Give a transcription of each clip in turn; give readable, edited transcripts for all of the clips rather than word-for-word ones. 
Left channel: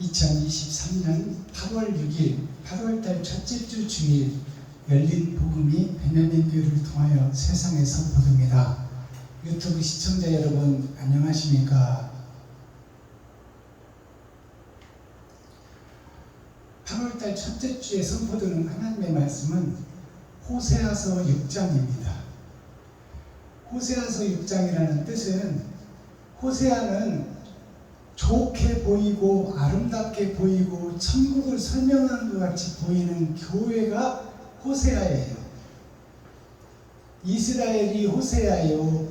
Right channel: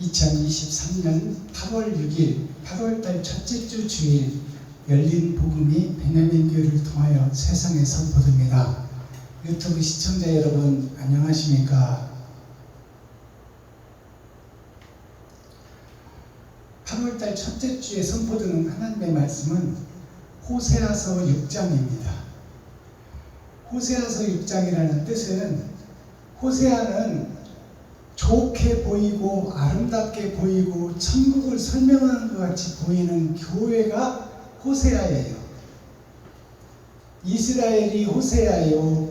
2023년 8월 6일 8월달 첫째 주 주일 열린 복음이 베냐민 교회를 통하여 세상에 선포됩니다. 유튜브 시청자 여러분 안녕하십니까? 8월달 첫째 주에 선포되는 하나님의 말씀은 호세아서 6장입니다. 호세아서 6장이라는 뜻은 호세아는 좋게 보이고 아름답게 보이고 천국을 설명하는 것 같이 보이는 교회가 호세아예요. 이스라엘이 호세아요,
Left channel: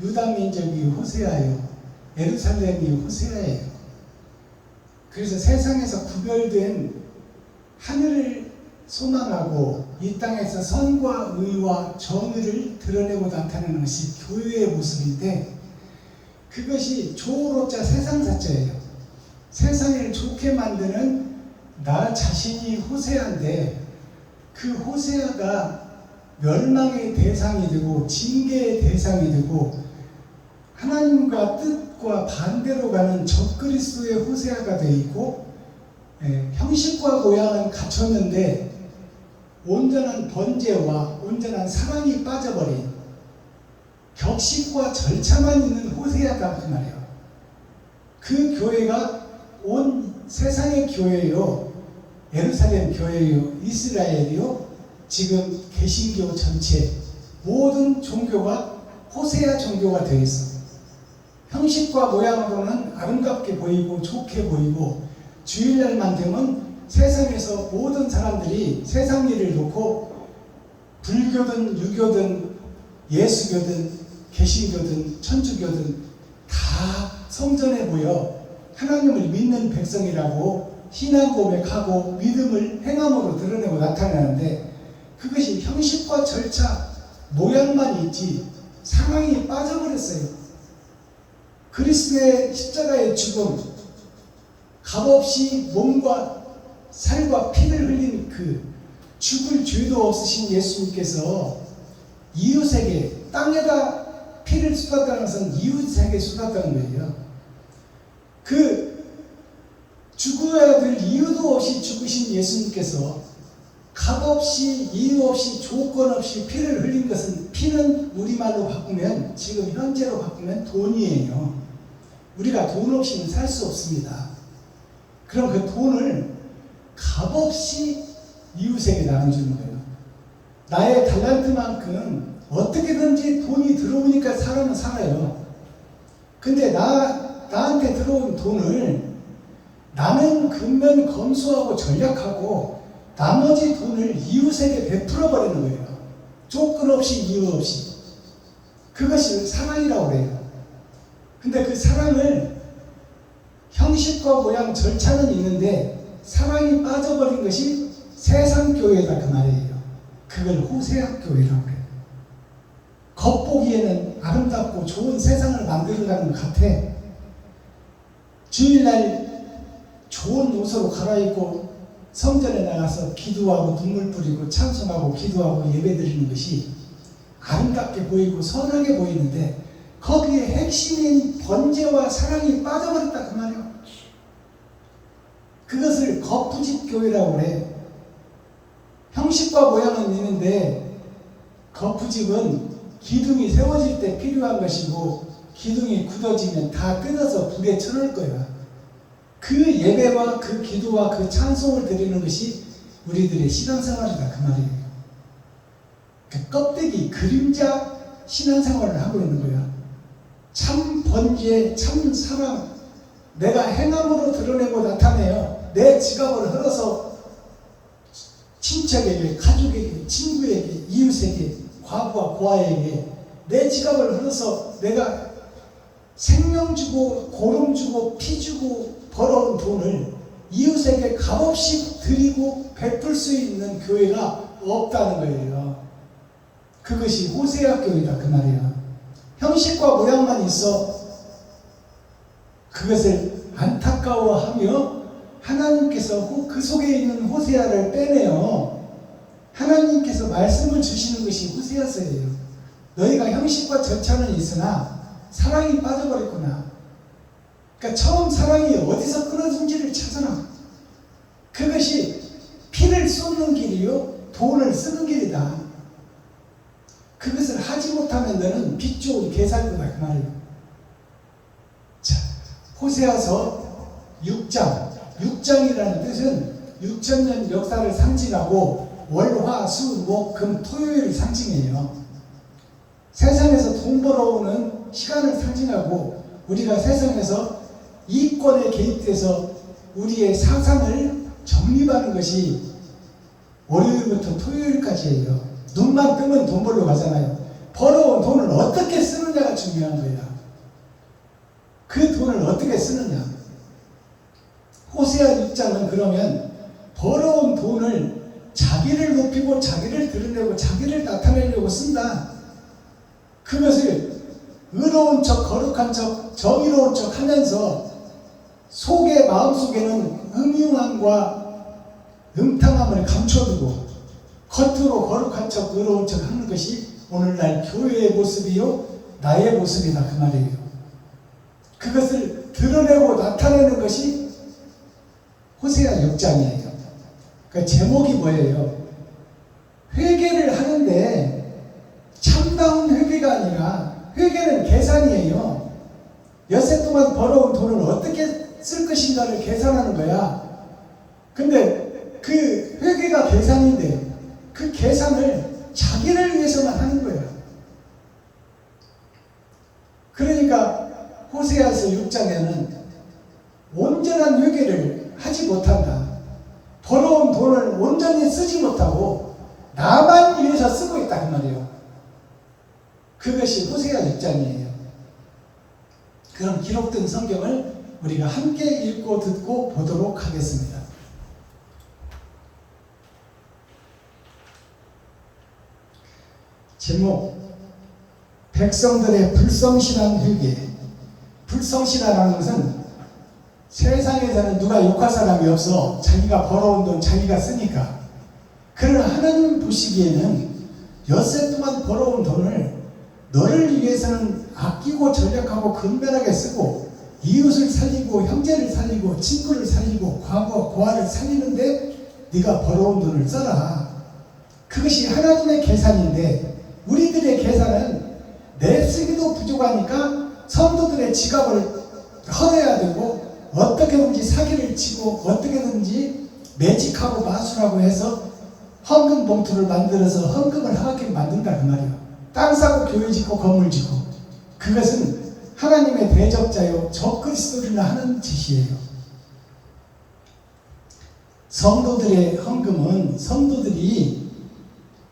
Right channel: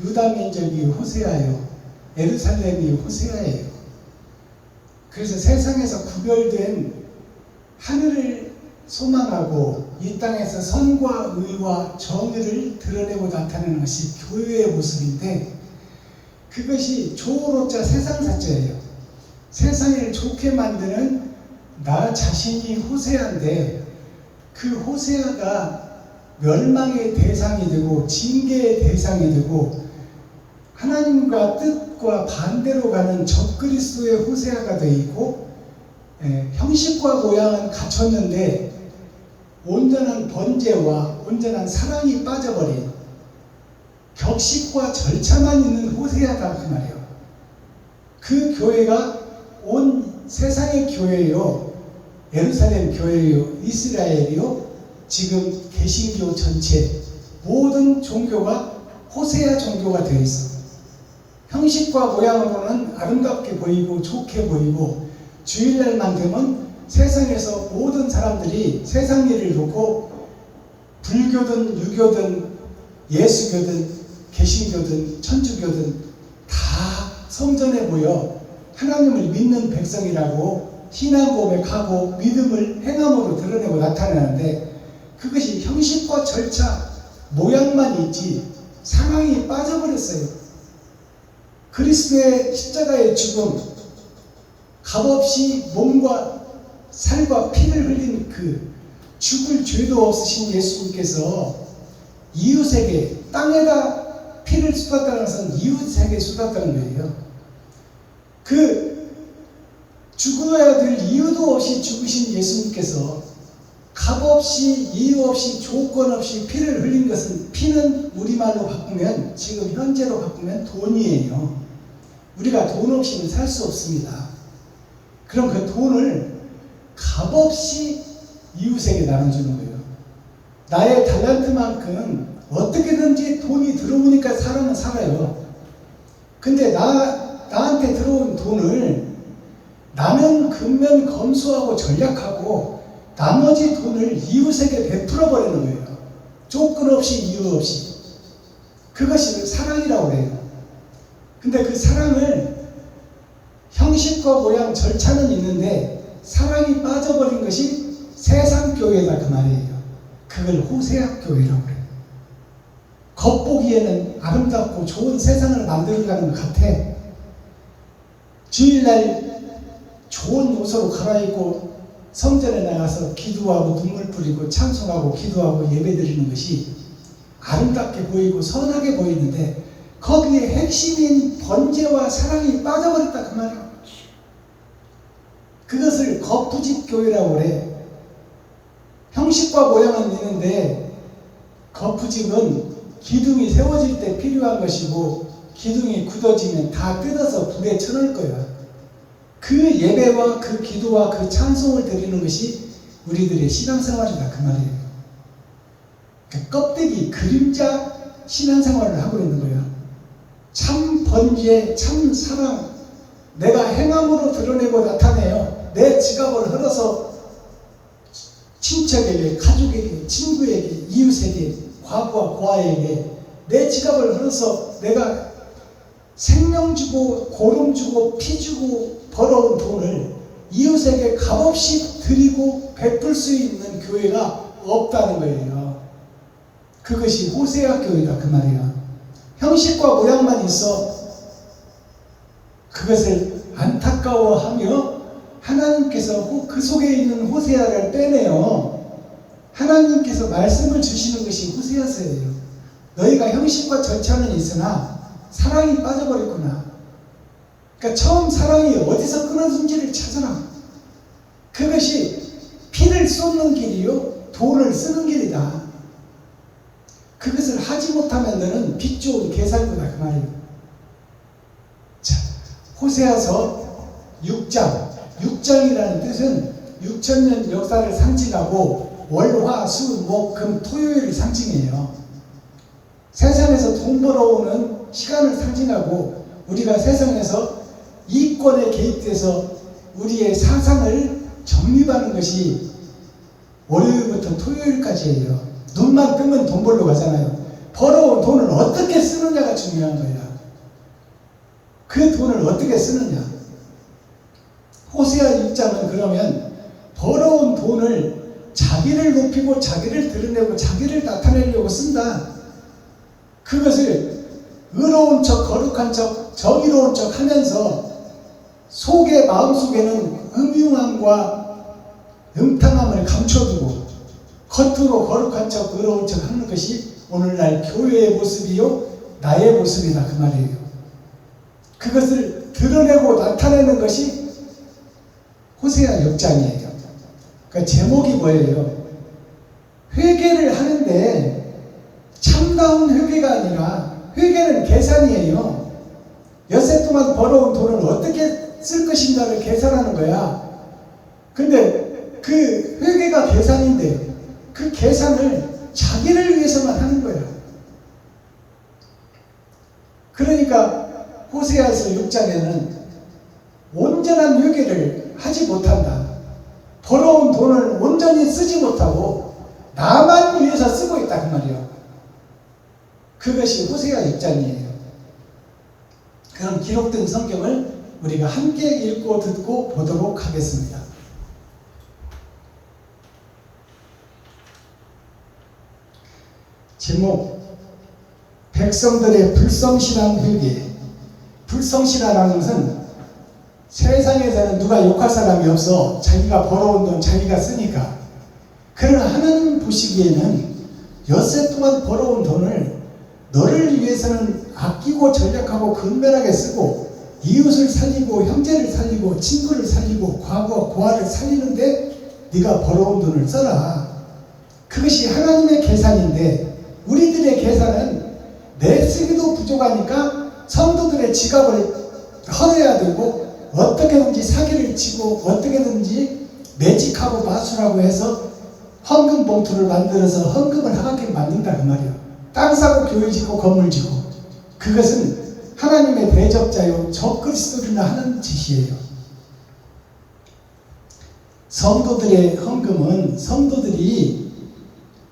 유다 민족이 호세아요, 예루살렘이 호세아예요. 그래서 세상에서 구별된 하늘을 소망하고 이 땅에서 선과 의와 정의를 드러내고 나타내는 것이 교회의 모습인데, 그것이 조로자 세상사자예요. 세상을 좋게 만드는 나 자신이 호세아인데, 그 호세아가 멸망의 대상이 되고 징계의 대상이 되고 하나님과 뜻과 반대로 가는 적그리스도의 호세아가 되어 있고, 형식과 모양은 갖췄는데 온전한 번제와 온전한 사랑이 빠져버린 격식과 절차만 있는 호세아다 그 말이에요. 그 교회가 온 세상의 교회요, 예루살렘 교회요, 이스라엘이요, 지금 개신교 전체 모든 종교가 호세아 종교가 되어 있어. 형식과 모양으로는 아름답게 보이고 좋게 보이고, 주일날만 되면 세상에서 모든 사람들이 세상 일을 놓고 불교든 유교든 예수교든 개신교든 천주교든 다 성전에 모여 하나님을 믿는 백성이라고 신앙 고백하고 믿음을 행함으로 드러내고 나타나는데, 그것이 형식과 절차 모양만 있지 사랑이 빠져버렸어요. 그리스도의 십자가의 죽음, 값없이 몸과 살과 피를 흘린 그 죽을 죄도 없으신 예수님께서 이웃에게, 땅에다 피를 쏟았다는 것은 이웃에게 쏟았다는 거예요. 그 죽어야 될 이유도 없이 죽으신 예수님께서 값없이 이유 없이 조건 없이 피를 흘린 것은, 피는 우리말로 바꾸면, 지금 현재로 바꾸면 돈이에요. 우리가 돈 없이는 살 수 없습니다. 그럼 그 돈을 값없이 이웃에게 나눠주는 거예요. 나의 달란트만큼 어떻게든지 돈이 들어오니까 사람은 살아요. 근데 나한테 들어온 돈을 나는 근면 검소하고 전략하고 나머지 돈을 이웃에게 베풀어 버리는 거예요. 조건 없이 이유 없이. 그것이 사랑이라고 해요. 근데 그 사랑을 형식과 모양 절차는 있는데 사랑이 빠져버린 것이 세상 교회다 그 말이에요. 그걸 호세아 교회라고 그래요. 겉보기에는 아름답고 좋은 세상을 만들어가는 것 같아. 주일날 좋은 옷으로 갈아입고 성전에 나가서 기도하고 눈물 뿌리고 찬송하고 기도하고 예배드리는 것이 아름답게 보이고 선하게 보이는데, 거기에 핵심인 번제와 사랑이 빠져버렸다 그 말이에요. 그것을 거푸집 교회라고 그래. 형식과 모양은 있는데 거푸집은 기둥이 세워질 때 필요한 것이고, 기둥이 굳어지면 다 뜯어서 불에 쳐놓을 거야. 그 예배와 그 기도와 그 찬송을 드리는 것이 우리들의 신앙생활이다 그 말이에요. 그러니까 껍데기, 그림자 신앙생활을 하고 있는 거예요. 참 번제, 참 사랑, 내가 행함으로 드러내고 나타내요. 내 지갑을 흘러서 친척에게, 가족에게, 친구에게, 이웃에게, 과부와 고아에게 내 지갑을 흘러서 내가 생명 주고 고름 주고 피 주고 벌어온 돈을 이웃에게 값없이 드리고 베풀 수 있는 교회가 없다는 거예요. 그것이 호세아 교회다 그 말이에요. 형식과 모양만 있어 그것을 안타까워하며 하나님께서 그 속에 있는 호세아를 빼내요. 하나님께서 말씀을 주시는 것이 호세아서예요. 너희가 형식과 절차는 있으나 사랑이 빠져버렸구나. 그러니까 처음 사랑이 어디서 성질을 찾으라. 그것이 피를 쏟는 길이요 돈을 쓰는 길이다. 그것을 하지 못하면 너는 빚 좋은 개살구다 그 말이에요. 자, 호세아서 6장이라는 뜻은 6,000년 역사를 상징하고 월, 화, 수, 목, 금, 토요일을 상징해요. 세상에서 돈 벌어오는 시간을 상징하고 우리가 세상에서 이권에 개입돼서 우리의 사상을 정립하는 것이 월요일부터 토요일까지예요. 눈만 뜨면 돈 벌러 가잖아요. 벌어온 돈을 어떻게 쓰느냐가 중요한 거야. 그 돈을 어떻게 쓰느냐. 호세아 6장은 그러면 벌어온 돈을 자기를 높이고 자기를 드러내고 자기를 나타내려고 쓴다. 그것을 의로운 척, 거룩한 척, 정의로운 척 하면서 마음속에는 음흉함과 음탕함을 감춰두고 겉으로 거룩한 척, 의로운 척 하는 것이 오늘날 교회의 모습이요 나의 모습이다 그 말이에요. 그것을 드러내고 나타내는 것이 호세아 6장이에요. 그 제목이 뭐예요? 회개를 하는데 참다운 회개가 아니라 회개는 계산이에요. 엿새 동안 벌어온 돈을 어떻게 쓸 것인가를 계산하는 거야. 근데 그 회개가 계산인데 그 계산을 자기를 위해서만 하는 거야. 그러니까 호세아서 6장에는 온전한 회개를 하지 못한다. 벌어온 돈을 온전히 쓰지 못하고 나만 위해서 쓰고 있다 그 말이에요. 그것이 호세아 6장이에요. 그럼 기록된 성경을 우리가 함께 읽고 듣고 보도록 하겠습니다. 제목 백성들의 불성실한 회개. 불성실하다는 것은 세상에서는 누가 욕할 사람이 없어. 자기가 벌어온 돈 자기가 쓰니까. 그러나 하나님 보시기에는 엿새 동안 벌어온 돈을 너를 위해서는 아끼고 전략하고 근면하게 쓰고 이웃을 살리고 형제를 살리고 친구를 살리고 과거 고아를 살리는데 네가 벌어온 돈을 써라. 그것이 하나님의 계산인데 우리들의 계산은 내 쓰기도 부족하니까 성도들의 지갑을 헐어야 되고 어떻게든지 사기를 치고 어떻게든지 매직하고 마술하고 해서 헌금 봉투를 만들어서 헌금을 하게 만든다 그 말이에요. 땅 사고 교회 짓고 건물 짓고 그것은 하나님의 대적자요 적그리스도들이나 하는 짓이에요. 성도들의 헌금은 성도들이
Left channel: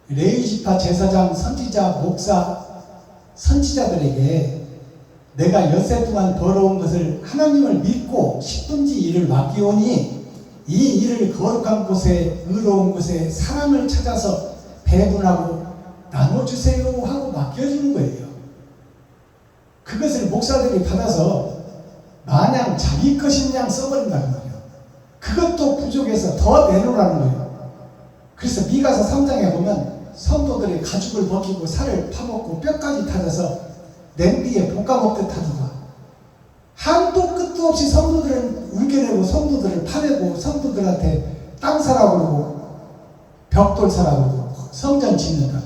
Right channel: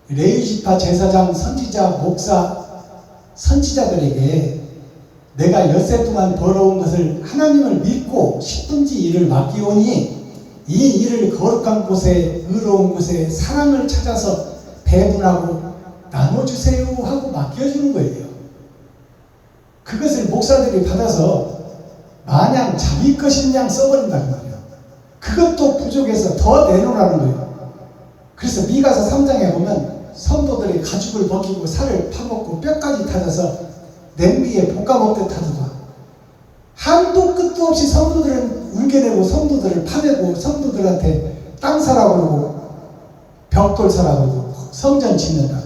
레위지파 제사장, 선지자, 목사, 선지자들에게 내가 엿새 동안 벌어온 것을 하나님을 믿고 10분지 일을 맡기오니 이 일을 거룩한 곳에 의로운 곳에 사랑을 찾아서 배분하고 나눠주세요 하고 맡겨주는 거예요. 그것을 목사들이 받아서 마냥 자기 것인 양 써버린다는 거예요. 그것도 부족해서 더 내놓으라는 거예요. 그래서 미가서 3장에 보면 성도들이 가죽을 벗기고 살을 파먹고 뼈까지 타져서 냄비에 볶아먹듯 하더라. 한도 끝도 없이 성도들은 울게내고 성도들을 파내고 성도들한테 땅 사라고 그러고 벽돌 사라고 그러고 성전 짓는다.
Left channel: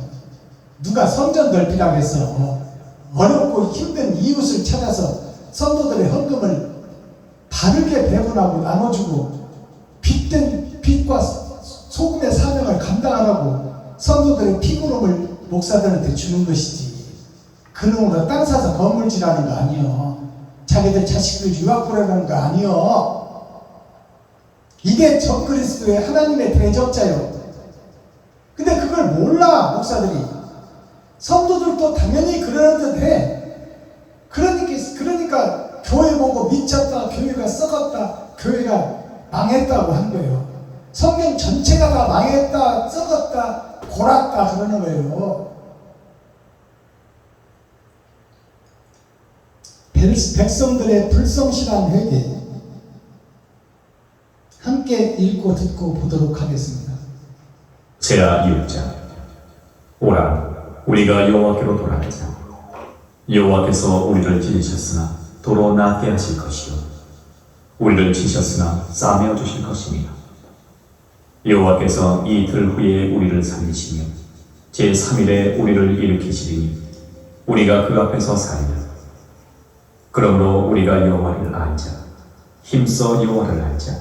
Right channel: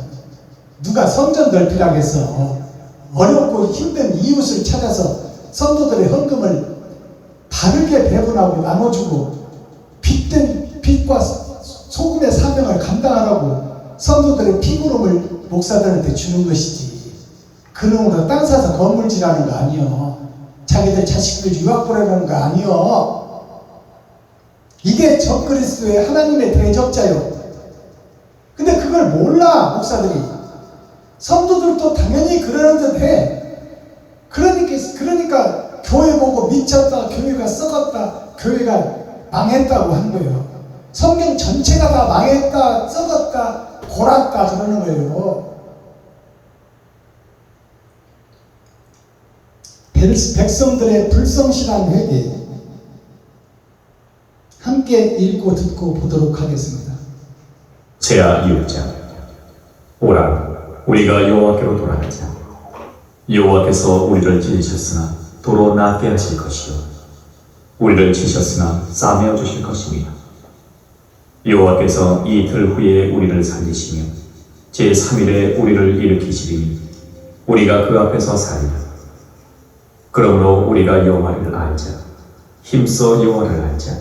누가 성전 넓히라고 했어. 어렵고 힘든 이웃을 찾아서 성도들의 헌금을 바르게 배분하고 나눠주고 빚과 소금의 사명을 감당하라고 성도들의 피부름을 목사들한테 주는 것이지. 그놈으로 땅 사서 건물질하는 거 아니요. 자기들 자식들 유학 보내는 거 아니요. 이게 적그리스도의 하나님의 대적자요. 근데 그걸 몰라 목사들이. 성도들도 당연히 그러는 듯 해. 그러니까 교회 보고 미쳤다, 교회가 썩었다, 교회가 망했다고 한 거예요. 성경 전체가 다 망했다, 썩었다, 골았다 그러는 거예요. 백성들의 불성실한 회개 함께 읽고 듣고 보도록 하겠습니다. 제아 2장. 오라, 우리가 여호와께로 돌아가자. 여호와께서 우리를 지으셨으나 도로 낫게 하실 것이요 우리를 치셨으나 싸매어 주실 것이며 여호와께서 이틀 후에 우리를 살리시며 제3일에 우리를 일으키시리니 우리가 그 앞에서 살리라. 그러므로 우리가 여호와를 알자. 힘써 여호와를 알자.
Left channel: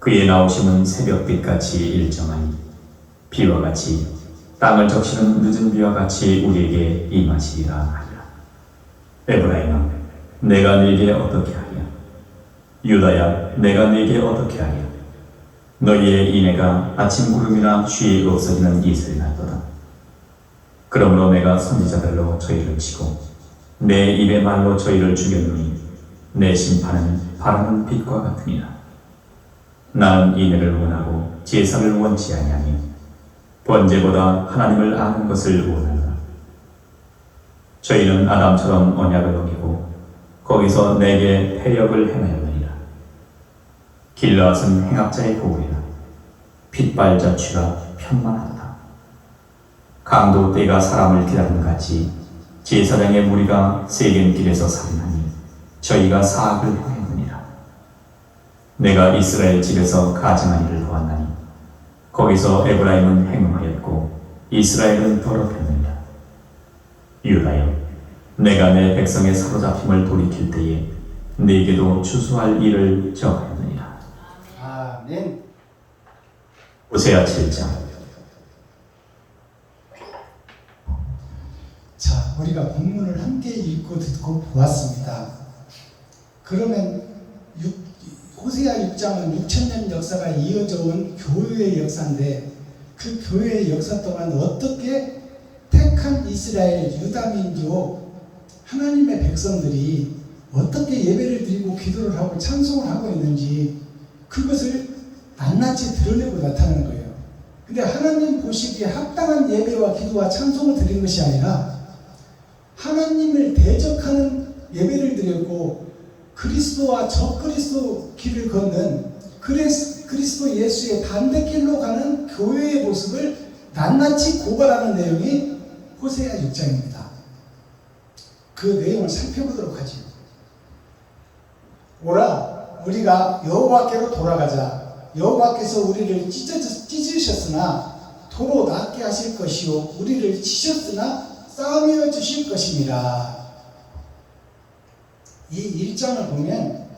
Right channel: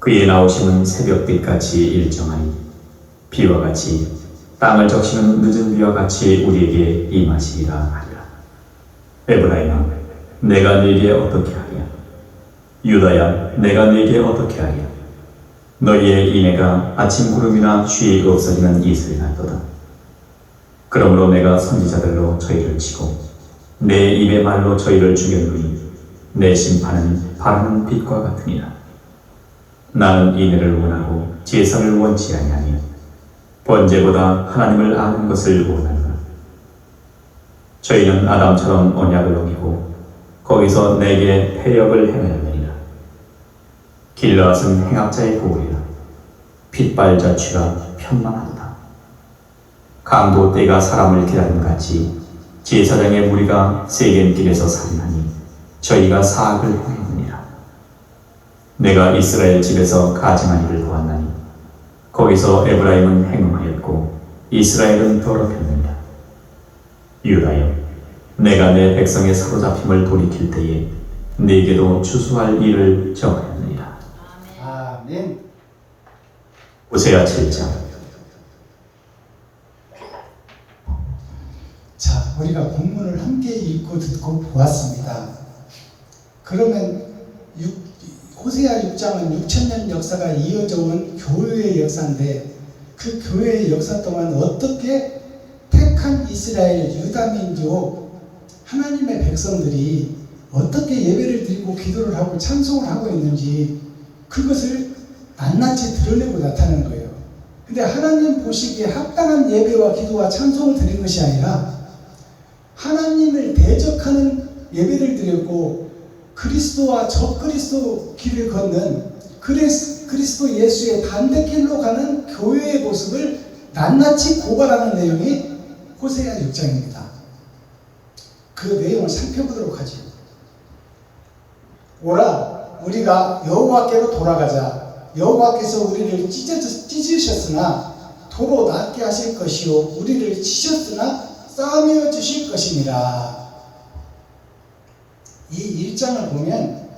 그의 나오심은 새벽빛같이 일정하니 비와 같이 땅을 적시는 늦은 비와 같이 우리에게 임하시리라 하리라. 에브라임아, 내가 네게 어떻게 하랴? 유다야, 내가 네게 어떻게 하랴? 너희의 인애가 아침 구름이나 쉬이 없어지는 이슬 같도다. 그러므로 내가 선지자들로 저희를 치고 내 입의 말로 저희를 죽였노니 내 심판은 바라는 빛과 같으니라. 나는 인애를 원하고 제사를 원치 아니하니 번제보다 하나님을 아는 것을 원하노라. 저희는 아담처럼 언약을 어기고 거기서 내게 패역을 행하였느니라. 길르앗은 행악자의 고울이라. 핏발자취가 편만하도다. 강도 떼가 사람을 기다림 같이 제사장의 무리가 세겜길에서 살인하니 저희가 사악을 행하느니라. 내가 이스라엘 집에서 가증한 일을 보았나니 거기서 에브라임은 행음하였고 이스라엘은 더럽혔느니라. 유다여, 내가 내 백성의 사로잡힘을 돌이킬 때에 네게도 추수할 일을 정하느니라. 아멘. 호세아 7장. 자, 우리가 본문을 함께 읽고 듣고 보았습니다. 그러면 호세아 6장은 6,000년 역사가 이어져 온 교회의 역사인데 그 교회의 역사 동안 어떻게 택한 이스라엘 유다민족 하나님의 백성들이 어떻게 예배를 드리고 기도를 하고 찬송을 하고 있는지 그것을 낱낱이 드러내고 나타낸 거예요. 근데 하나님 보시기에 합당한 예배와 기도와 찬송을 드린 것이 아니라 하나님을 대적하는 예배를 드렸고 그리스도와 적그리스도 길을 걷는 그리스도 예수의 반대길로 가는 교회의 모습을 낱낱이 고발하는 내용이 호세아 6장입니다. 그 내용을 살펴보도록 하죠. 오라, 우리가 여호와께로 돌아가자. 여호와께서 우리를 찢으셨으나 도로 낫게 하실 것이요 우리를 치셨으나 싸매어 주실 것이니라. 이 1장을 보면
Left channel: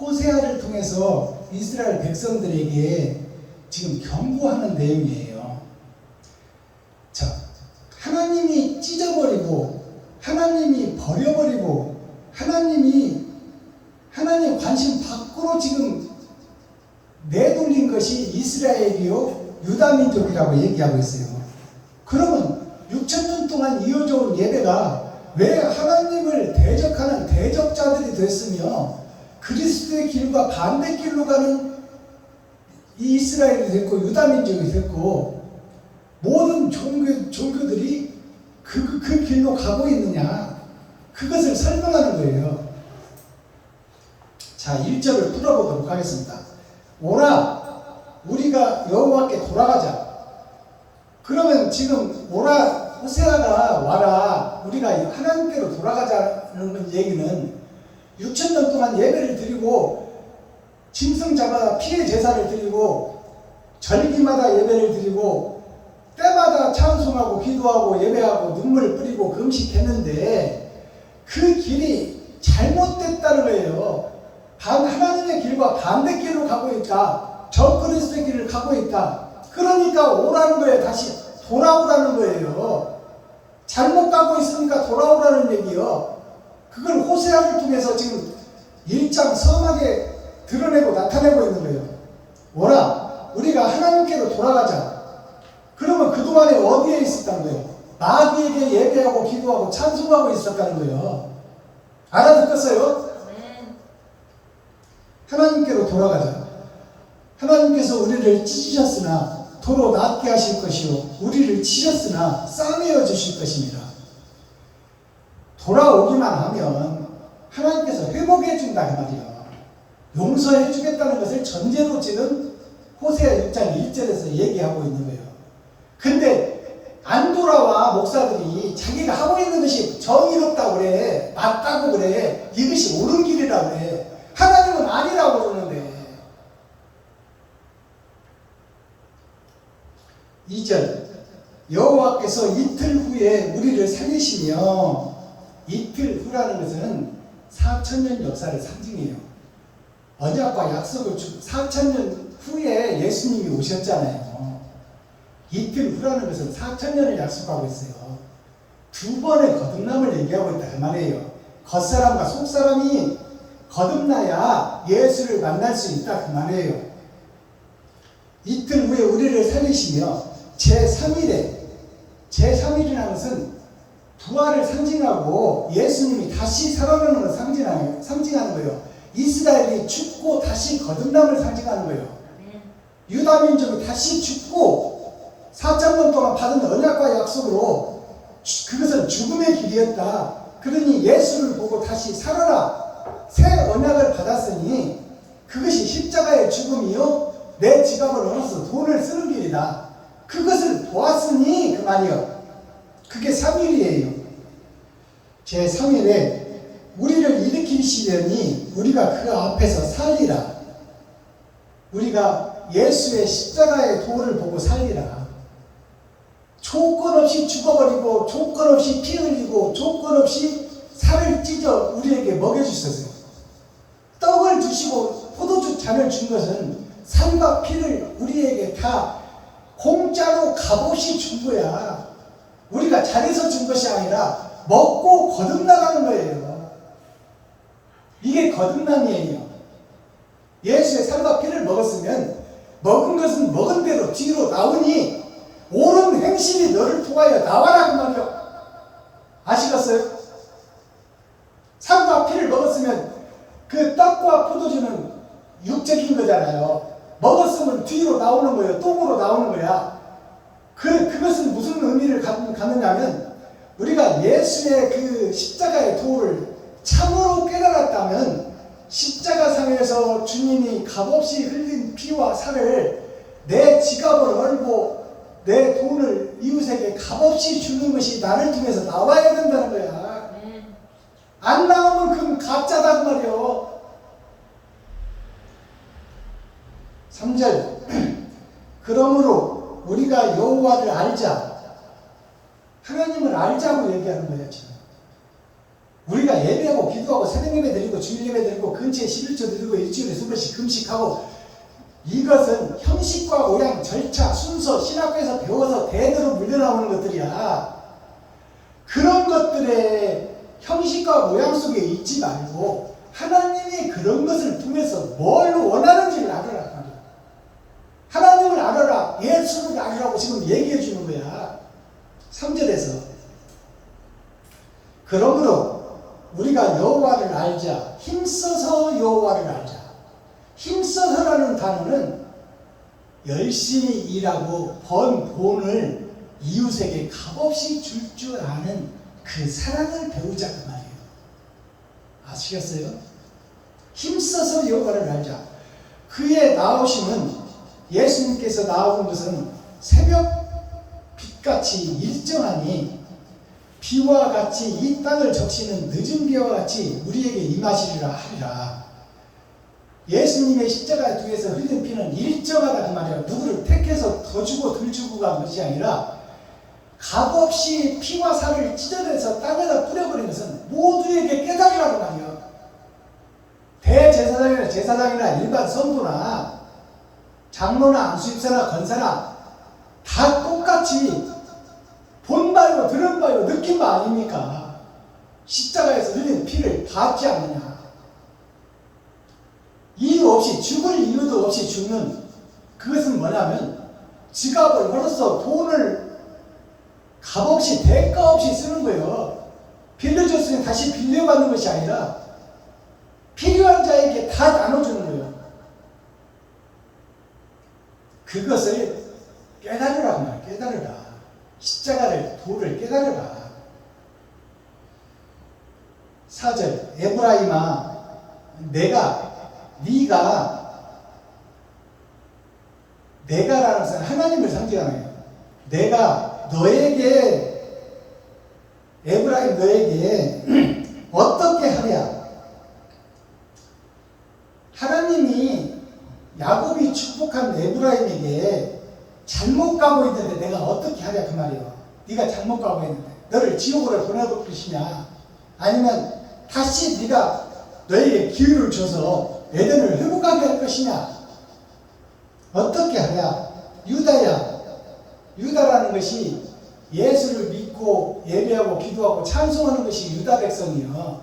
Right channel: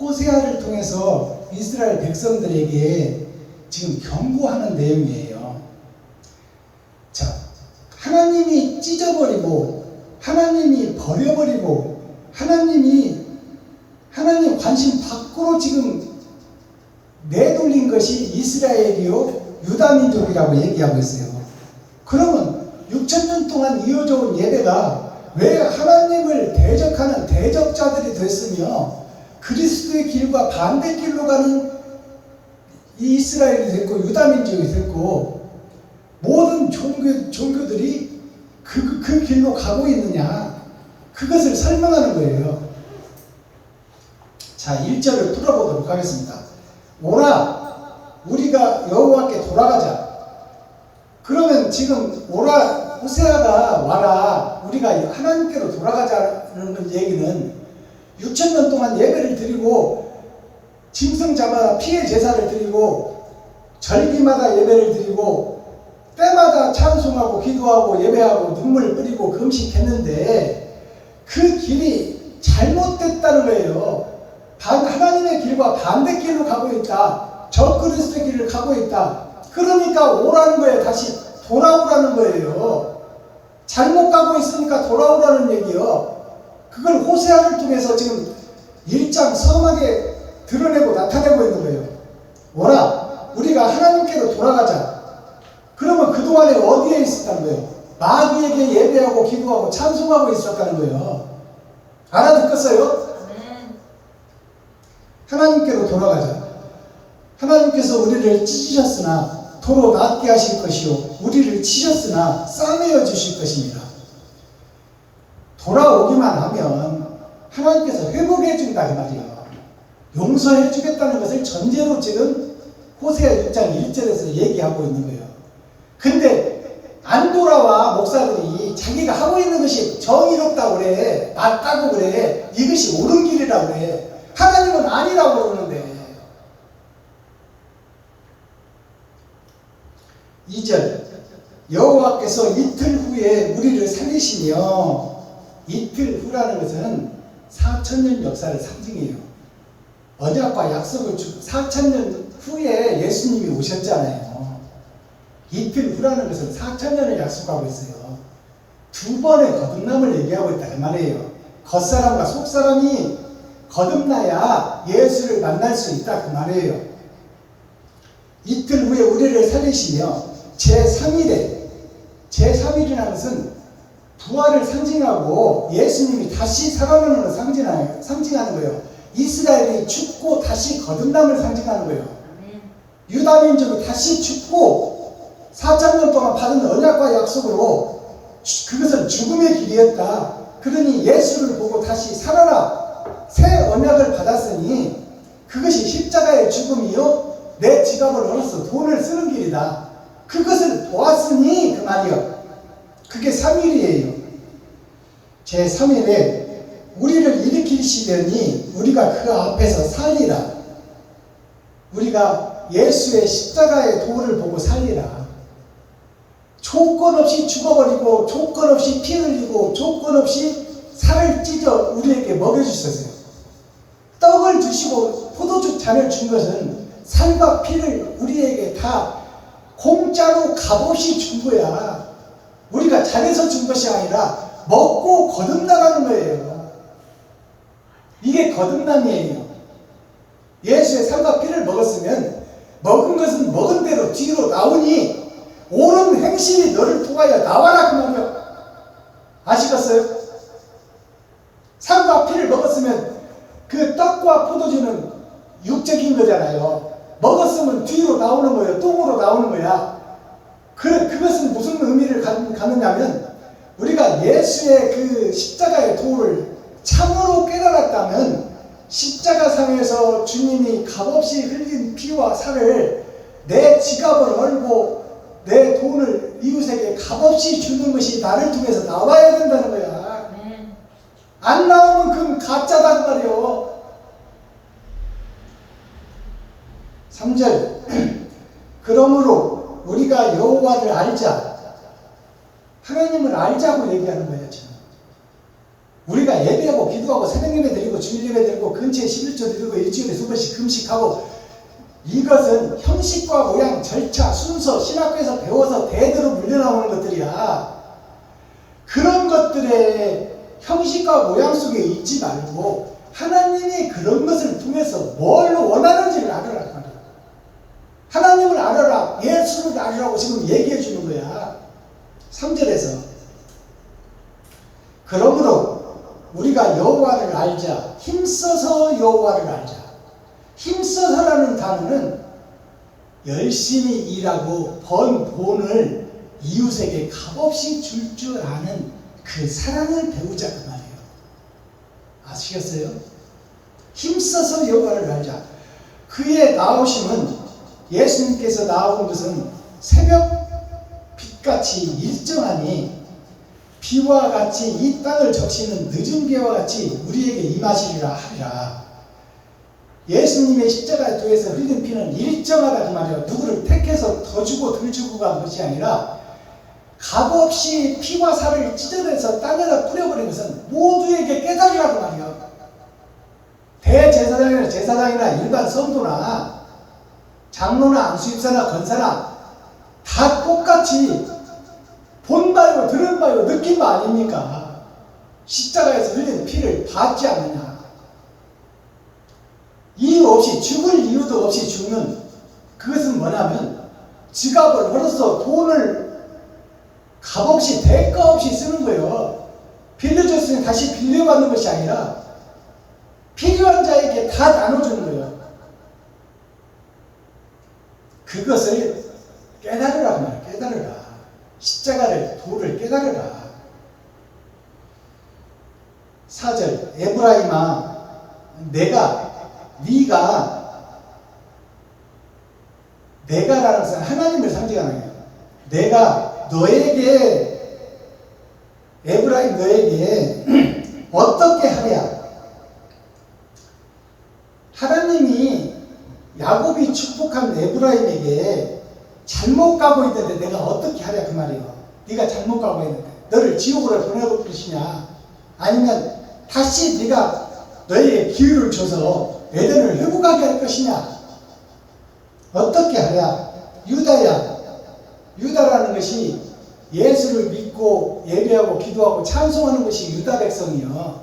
호세아를 통해서 이스라엘 백성들에게 지금 경고하는 내용이에요. 자, 하나님이 찢어버리고 하나님이 버려버리고 하나님 관심 밖으로 지금 내돌린 것이 이스라엘이요 유다민족이라고 얘기하고 있어요. 그러면 6,000년 동안 이어져 온 예배가 왜 하나님을 대적하는 대적자들이 됐으며 그리스도의 길과 반대길로 가는 이 이스라엘이 됐고 유다민족이 됐고 모든 종교들이 그 길로 가고 있느냐, 그것을 설명하는 거예요. 자, 1절을 풀어보도록 하겠습니다. 오라, 우리가 여호와께 돌아가자. 그러면 지금 오라, 호세아가 와라, 우리가 하나님께로 돌아가자는 얘기는 6,000년 동안 예배를 드리고 짐승자마다 피해 제사를 드리고 절기마다 예배를 드리고 때마다 찬송하고 기도하고 예배하고 눈물 뿌리고 금식했는데 그 길이 잘못됐다는 거예요. 하나님의 길과 반대길로 가고 있다. 적그리스도의 길을 가고 있다. 그러니까 오라는 거예요. 다시 돌아오라는 거예요. 잘못 가고 있으니까 돌아오라는 얘기요. 그걸 호세아를 통해서 지금 1장 섬하게 드러내고 나타내고 있는 거예요. 오라, 우리가 하나님께로 돌아가자. 그러면 그동안에 어디에 있었다는 거예요? 마귀에게 예배하고 기도하고 찬송하고 있었다는 거예요. 알아듣겠어요? 하나님께로 돌아가자. 하나님께서 우리를 찢으셨으나 도로 낫게 하실 것이요 우리를 치셨으나 싸매어 주실 것입니다. 돌아오기만 하면 하나님께서 회복해 준다 그 말이에요. 용서해 주겠다는 것을 전제로 지금 호세아 6장 1절에서 얘기하고 있는 거예요. 근데 안 돌아와. 목사들이 자기가 하고 있는 것이 정의롭다고 그래, 맞다고 그래, 이것이 옳은 길이라고 그래. 하나님은 아니라고 그러는데. 2절 여호와께서 이틀 후에 우리를 살리시며, 이틀 후라는 것은 4,000년 역사를 상징해요. 언약과 약속을 주고 4,000년 후에 예수님이 오셨잖아요. 이틀 후라는 것은 4,000년을 약속하고 있어요. 두 번의 거듭남을 얘기하고 있다 그 말이에요. 겉사람과 속사람이 거듭나야 예수를 만날 수 있다 그 말이에요. 이틀 후에 우리를 살리시며 제3일이라는 것은 부활을 상징하고 예수님이 다시 살아나는 걸 상징하는 거예요. 이스라엘이 죽고 다시 거듭남을 상징하는 거예요. 유다 민족이 다시 죽고 4,000년 동안 받은 언약과 약속으로 그것은 죽음의 길이었다. 그러니 예수를 보고 다시 살아라. 새 언약을 받았으니 그것이 십자가의 죽음이요 내 지갑을 얻어서 돈을 쓰는 길이다. 그것을 보았으니 그 말이요. 그게 3일이에요. 제3일에 우리를 일으키시려니 우리가 그 앞에서 살리라. 우리가 예수의 십자가의 도를 보고 살리라. 조건 없이 죽어버리고 조건 없이 피 흘리고 조건 없이 살을 찢어 우리에게 먹여주셨어요. 떡을 주시고 포도주 잔을 준 것은 살과 피를 우리에게 다 공짜로 값없이 준 거야. 우리가 잘해서 준 것이 아니라 먹고 거듭나가는 거예요. 이게 거듭남이에요. 예수의 살과 피를 먹었으면 먹은 것은 먹은 대로 뒤로 나오니 옳은 행실이 너를 통하여 나와라 그 말이요. 아시겠어요? 살과 피를 먹었으면 그 떡과 포도주는 육적인 거잖아요. 먹었으면 뒤로 나오는 거예요. 똥으로 나오는 거야. 그것은 무슨 의미를 갖느냐면 우리가 예수의 그 십자가의 도를 참으로 깨달았다면 십자가상에서 주님이 값없이 흘린 피와 살을 내 지갑을 얼고 내 돈을 이웃에게 값없이 주는 것이 나를 통해서 나와야 된다는 거야. 안 나오면 그건 가짜다 그 말이요. 3절 그러므로 우리가 여호와를 알자. 하나님을 알자고 얘기하는 거예요. 지금 우리가 예배하고 기도하고 새벽예배 드리고 주일예배 드리고 근처에 11조 드리고 일주일에 2번씩 금식하고 이것은 형식과 모양, 절차, 순서, 신학교에서 배워서 대대로 물려나오는 것들이야. 그런 것들의 형식과 모양 속에 있지 말고 하나님이 그런 것을 통해서 뭘 원하는지를 알아라. 하나님을 알아라. 예수를 알아라고 지금 얘기해 주는 거야. 3절에서 그러므로 우리가 여호와를 알자. 힘써서 여호와를 알자. 힘써서라는 단어는 열심히 일하고 번 돈을 이웃에게 값없이 줄 줄 아는 그 사랑을 배우자 그 말이에요. 아시겠어요? 힘써서 여호와를 알자. 그의 나오심은 예수님께서 나오는 것은 새벽 빛같이 일정하니 비와 같이 이 땅을 적시는 늦은 비와 같이 우리에게 임하시리라 하리라. 예수님의 십자가의 도에서 흘린 피는 일정하다 그 말이에요. 누구를 택해서 더 주고 덜 주고 간 것이 아니라 값없이 피와 살을 찢어내서 땅에다 뿌려버린 것은 모두에게 깨달으라고 말이야. 대제사장이나 제사장이나 일반 성도나 장로나 안수집사나 권사나 다 똑같이 본 바요 들은 바요 느낀 바 아닙니까? 십자가에서 흘린 피를 받지 않느냐. 이유 없이 죽을 이유도 없이 죽는 그것은 뭐냐면 지갑을 벌어서 돈을 값없이 대가 없이 쓰는 거예요. 빌려줬으니 다시 빌려받는 것이 아니라 필요한 자에게 다 나눠주는 거예요. 그것을 깨달으라고 말이에요. 깨달으라. 십자가를 도를 깨달으라. 4절 에브라임아 내가라는 것은 하나님을 상징하는 거예요. 내가 너에게 에브라임 너에게 어떻게 하랴. 하나님이 야곱이 축복한 에브라임에게 잘못 가고 있는데 내가 어떻게 하랴 그 말이요. 네가 잘못 가고 있는데 너를 지옥으로 보내볼 것이냐, 아니면 다시 네가 너에게 기회를 줘서 에덴을 회복하게 할 것이냐, 어떻게 하랴. 유다야. 유다라는 것이 예수를 믿고 예배하고 기도하고 찬송하는 것이 유다 백성이요,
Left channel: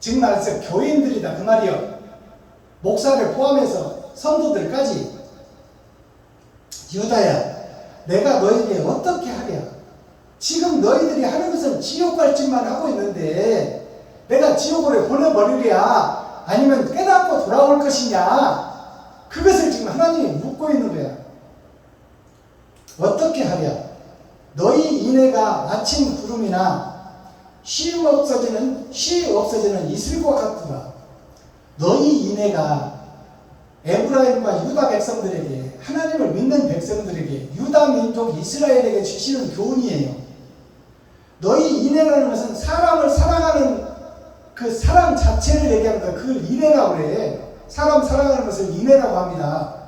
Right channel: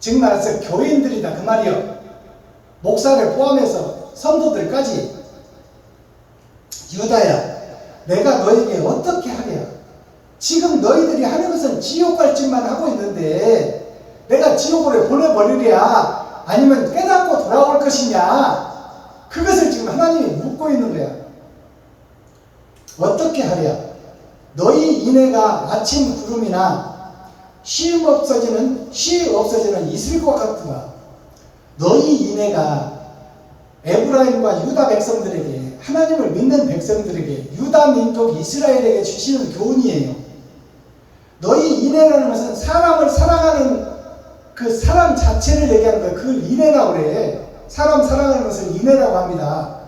즉 말해서 교인들이다 그 말이요. 목사를 포함해서 성도들까지. 유다야, 내가 너에게 어떻게 하랴. 지금 너희들이 하는 것은 지옥 갈 짓만 하고 있는데 내가 지옥으로 보내버리랴, 아니면 깨닫고 돌아올 것이냐, 그것을 지금 하나님이 묻고 있는 거야. 어떻게 하랴. 너희 이내가 아침 구름이나 쉼 없어지는 이슬과 같구나. 너희 이내가 에브라임과 유다 백성들에게, 하나님을 믿는 백성들에게, 유다 민족 이스라엘에게 주시는 교훈이에요. 너희 인애라는 것은 사람을 사랑하는 그 사랑 자체를 얘기하는 거예요. 그걸 인애라고 그래. 사람 사랑하는 것을 인애라고 합니다.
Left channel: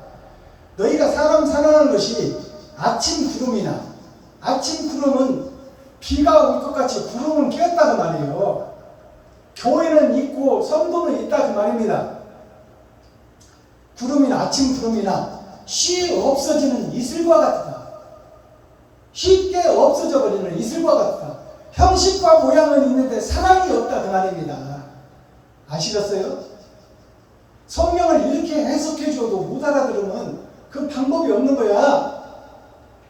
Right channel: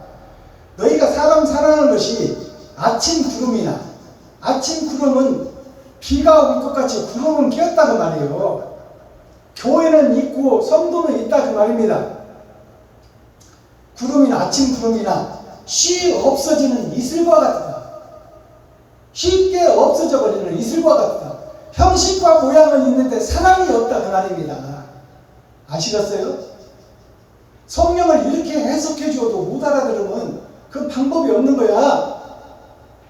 너희가 사람 사랑하는 것이 아침 구름이나, 아침 구름은 비가 올 것 같이 구름은 끼었다는 말이에요. 교회는 있고 성도는 있다 그 말입니다. 구름이나 아침 구름이나 쉬 없어지는 이슬과 같다. 쉽게 없어져 버리는 이슬과 같다. 형식과 모양은 있는데 사랑이 없다 그 말입니다. 아시겠어요? 성경을 이렇게 해석해 줘도 못 알아들으면 그 방법이 없는 거야.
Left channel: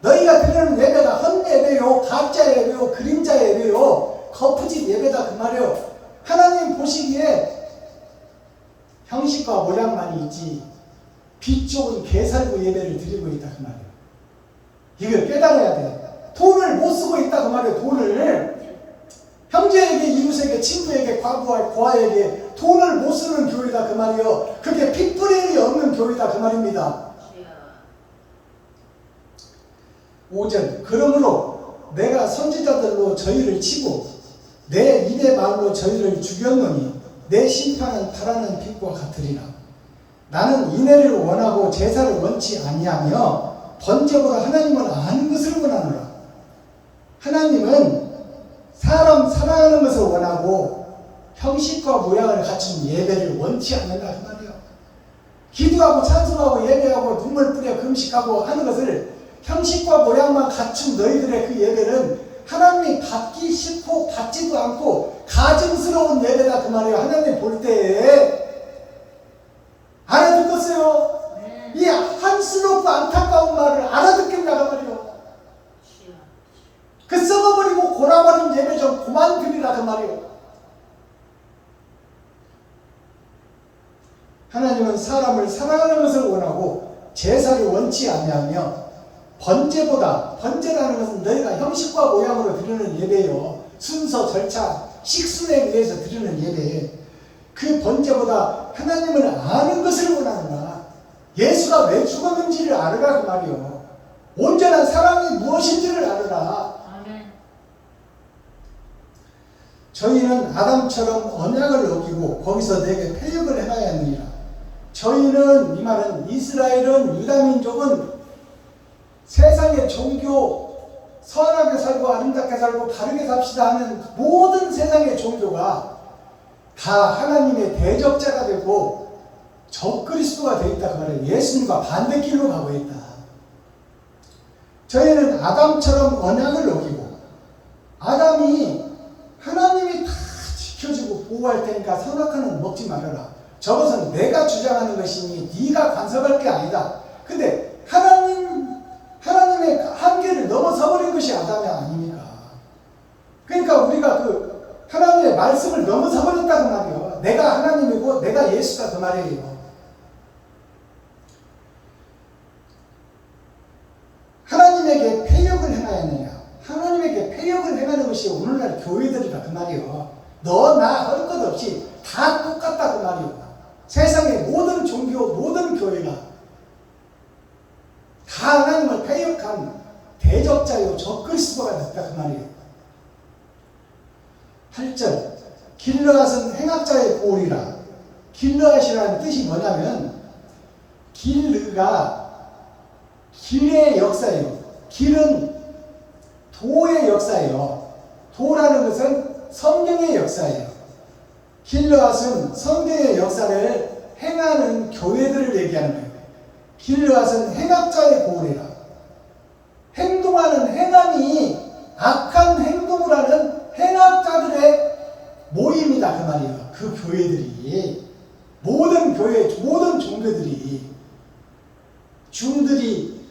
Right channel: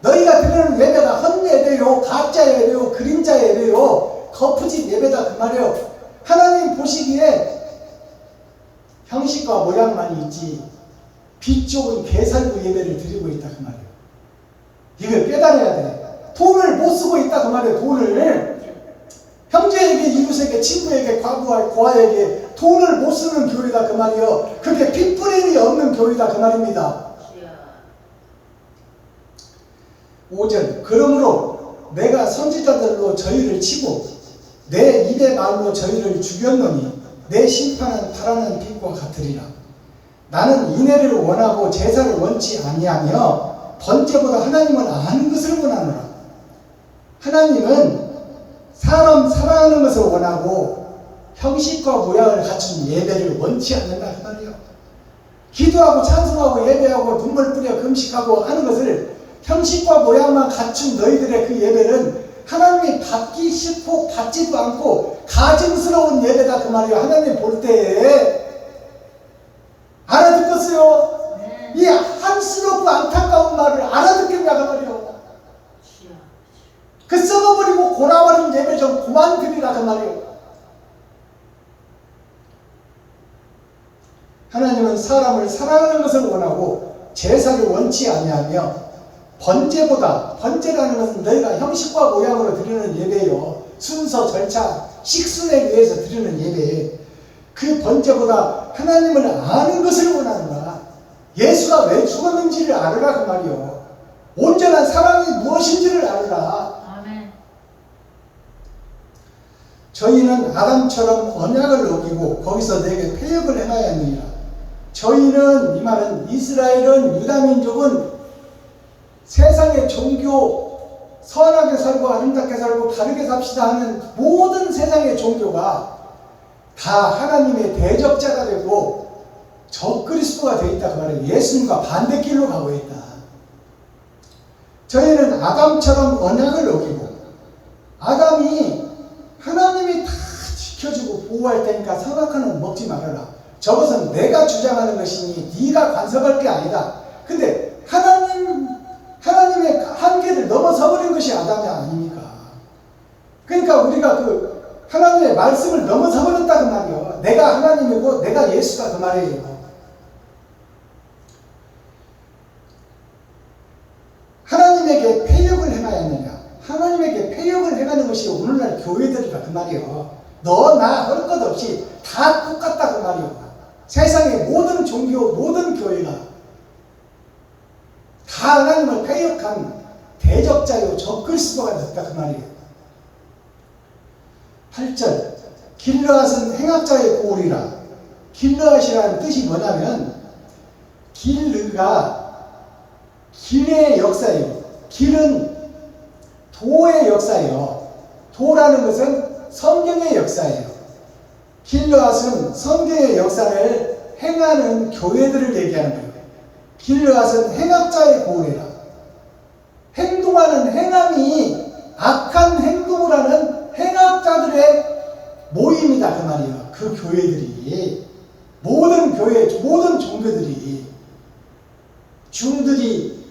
너희가 드리는 예배가 헛예배요, 가짜 예배요, 그림자 예배요, 거푸짓 예배다 그 말이에요. 하나님 보시기에 형식과 모양만 있지 빛 좋은 개살구 예배를 드리고 있다 그 말이에요. 이걸 깨달아야 돼. 돈을 못 쓰고 있다 그 말이에요. 돈을 형제에게, 이웃에게, 친구에게, 과부에게 돈을 못 쓰는 교회다 그 말이에요. 그게 핏뿌림이 없는 교회다 그 말입니다. 5절. 그러므로 내가 선지자들로 저희를 치고 내 입의 말로 저희를 죽였노니 내 심판은 바라는 빛과 같으리라. 나는 인애를 원하고 제사를 원치 아니하며 번제보다 하나님을 아는 것을 원하노라. 하나님은 사람 사랑하는 것을 원하고 형식과 모양을 갖춘 예배를 원치 않는다 그 말이에요. 기도하고 찬송하고 예배하고 눈물 뿌려 금식하고 하는 것을 형식과 모양만 갖춘 너희들의 그 예배는 하나님이 받기 싫고 받지도 않고 가증스러운 예배다 그 말이에요. 하나님 볼 때에. 알아듣겠어요? 네. 이 한스럽고 안타까운 말을 알아듣겠냐 그 말이에요. 그 썩어버리고 골아버린 예배 좀 그만 드리라 그 말이에요. 하나님은 사람을 사랑하는 것을 원하고 제사를 원치 아니하며 번제보다, 번제라는 것은 너희가 형식과 모양으로 드리는 예배예요. 순서, 절차, 식순에 의해서 드리는 예배. 그 번제보다 하나님을 아는 것을 원하는 거야. 예수가 왜 죽었는지를 알으라 그 말이요. 온전한 사랑이 무엇인지를 알으라. 아멘. 저희는 아담처럼 언약을 어기고 거기서 내게 패역을 행하였느니라. 저희는, 이 말은 이스라엘은, 유다민족은 세상의 종교, 선하게 살고 아름답게 살고 바르게 삽시다 하는 모든 세상의 종교가 다 하나님의 대적자가 되고 적그리스도가 되어 있다 그 말이에요. 예수님과 반대길로 가고 있다. 저희는 아담처럼 언약을 어기고, 아담이 하나님이 다 지켜주고 보호할 테니까 선악과는 먹지 말아라. 저것은 내가 주장하는 것이니 네가 간섭할 게 아니다. 근데 하나님의 한계를 넘어서버린 것이 아담이 아닙니까? 그러니까 우리가 그 하나님의 말씀을 넘어서버렸다 그 말이에요. 내가 하나님이고 내가 예수다 그 말이에요. 하나님에게 패역을 행하였느냐? 하나님에게 패역을 행하는 것이 오늘날 교회들이다 그 말이에요. 너 나 할 것 없이 다 똑같다 그 말이에요. 세상의 모든 종교, 모든 교회가 다 하나님을 패역한 대적자요 적그리스도가 됐다 그 말이에요. 8절. 길르앗은 행악자의 고울이라 길르앗이라는 뜻이 뭐냐면 길르가 길의 역사예요. 길은 도의 역사예요. 도라는 것은 성경의 역사예요. 길르앗은 성경의 역사를 행하는 교회들을 얘기하는 거예요. 길르앗은 행악자의 고래라. 행동하는 행함이 악한 행동을 하는 행악자들의 모임이다 그 말이에요. 그 교회들이 모든 교회, 모든 종교들이 중들이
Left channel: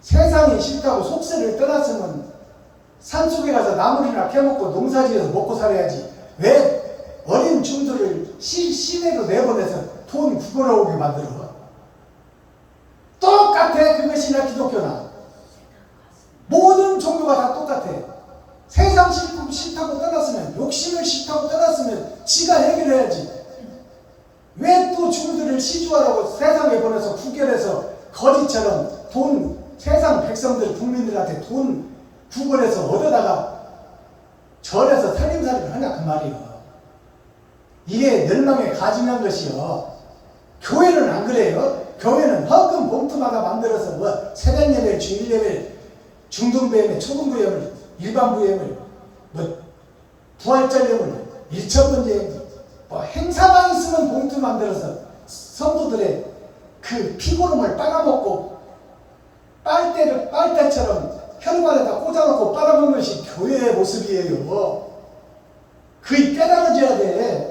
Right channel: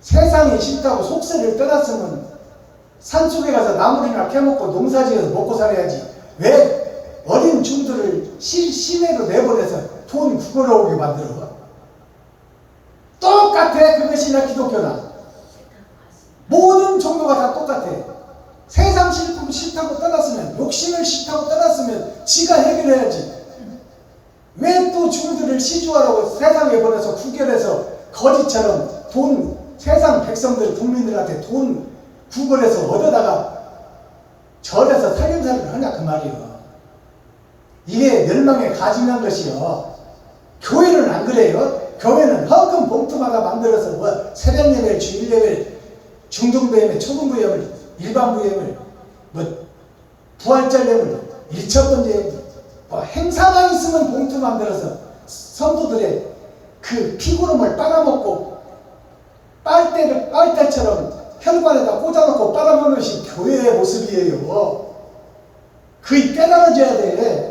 세상이 싫다고 속세를 떠났으면 산속에 가서 나물이나 캐먹고 농사지어서 먹고 살아야지 왜 어린 중들을 시내로 내보내서 돈 구걸어오게 만들어? 똑같아. 그것이나 기독교나 모든 종교가 다 똑같아. 세상 싫다고 떠났으면, 욕심을 싫다고 떠났으면 지가 해결해야지. 왜 또 중들을 시주하라고 세상에 보내서 구결해서 거지처럼 돈, 세상 백성들 국민들한테 돈 구걸해서 얻어다가 절에서 살림살이를 하냐 그 말이요. 이게 멸망에 가증한 것이요. 교회는 안 그래요. 교회는 헌금 봉투마다 만들어서 뭐 새벽 예배, 주일 예배, 중등부 예배, 초등부 예배, 일반부 예배, 뭐 부활절 예배, 일천번째 예배, 뭐 행사만 있으면 봉투 만들어서 성도들의 그 피고름을 빨아먹고 빨대처럼 혈관에다 꽂아놓고 빨아먹는 것이 교회의 모습이에요. 그이 깨달아져야 돼.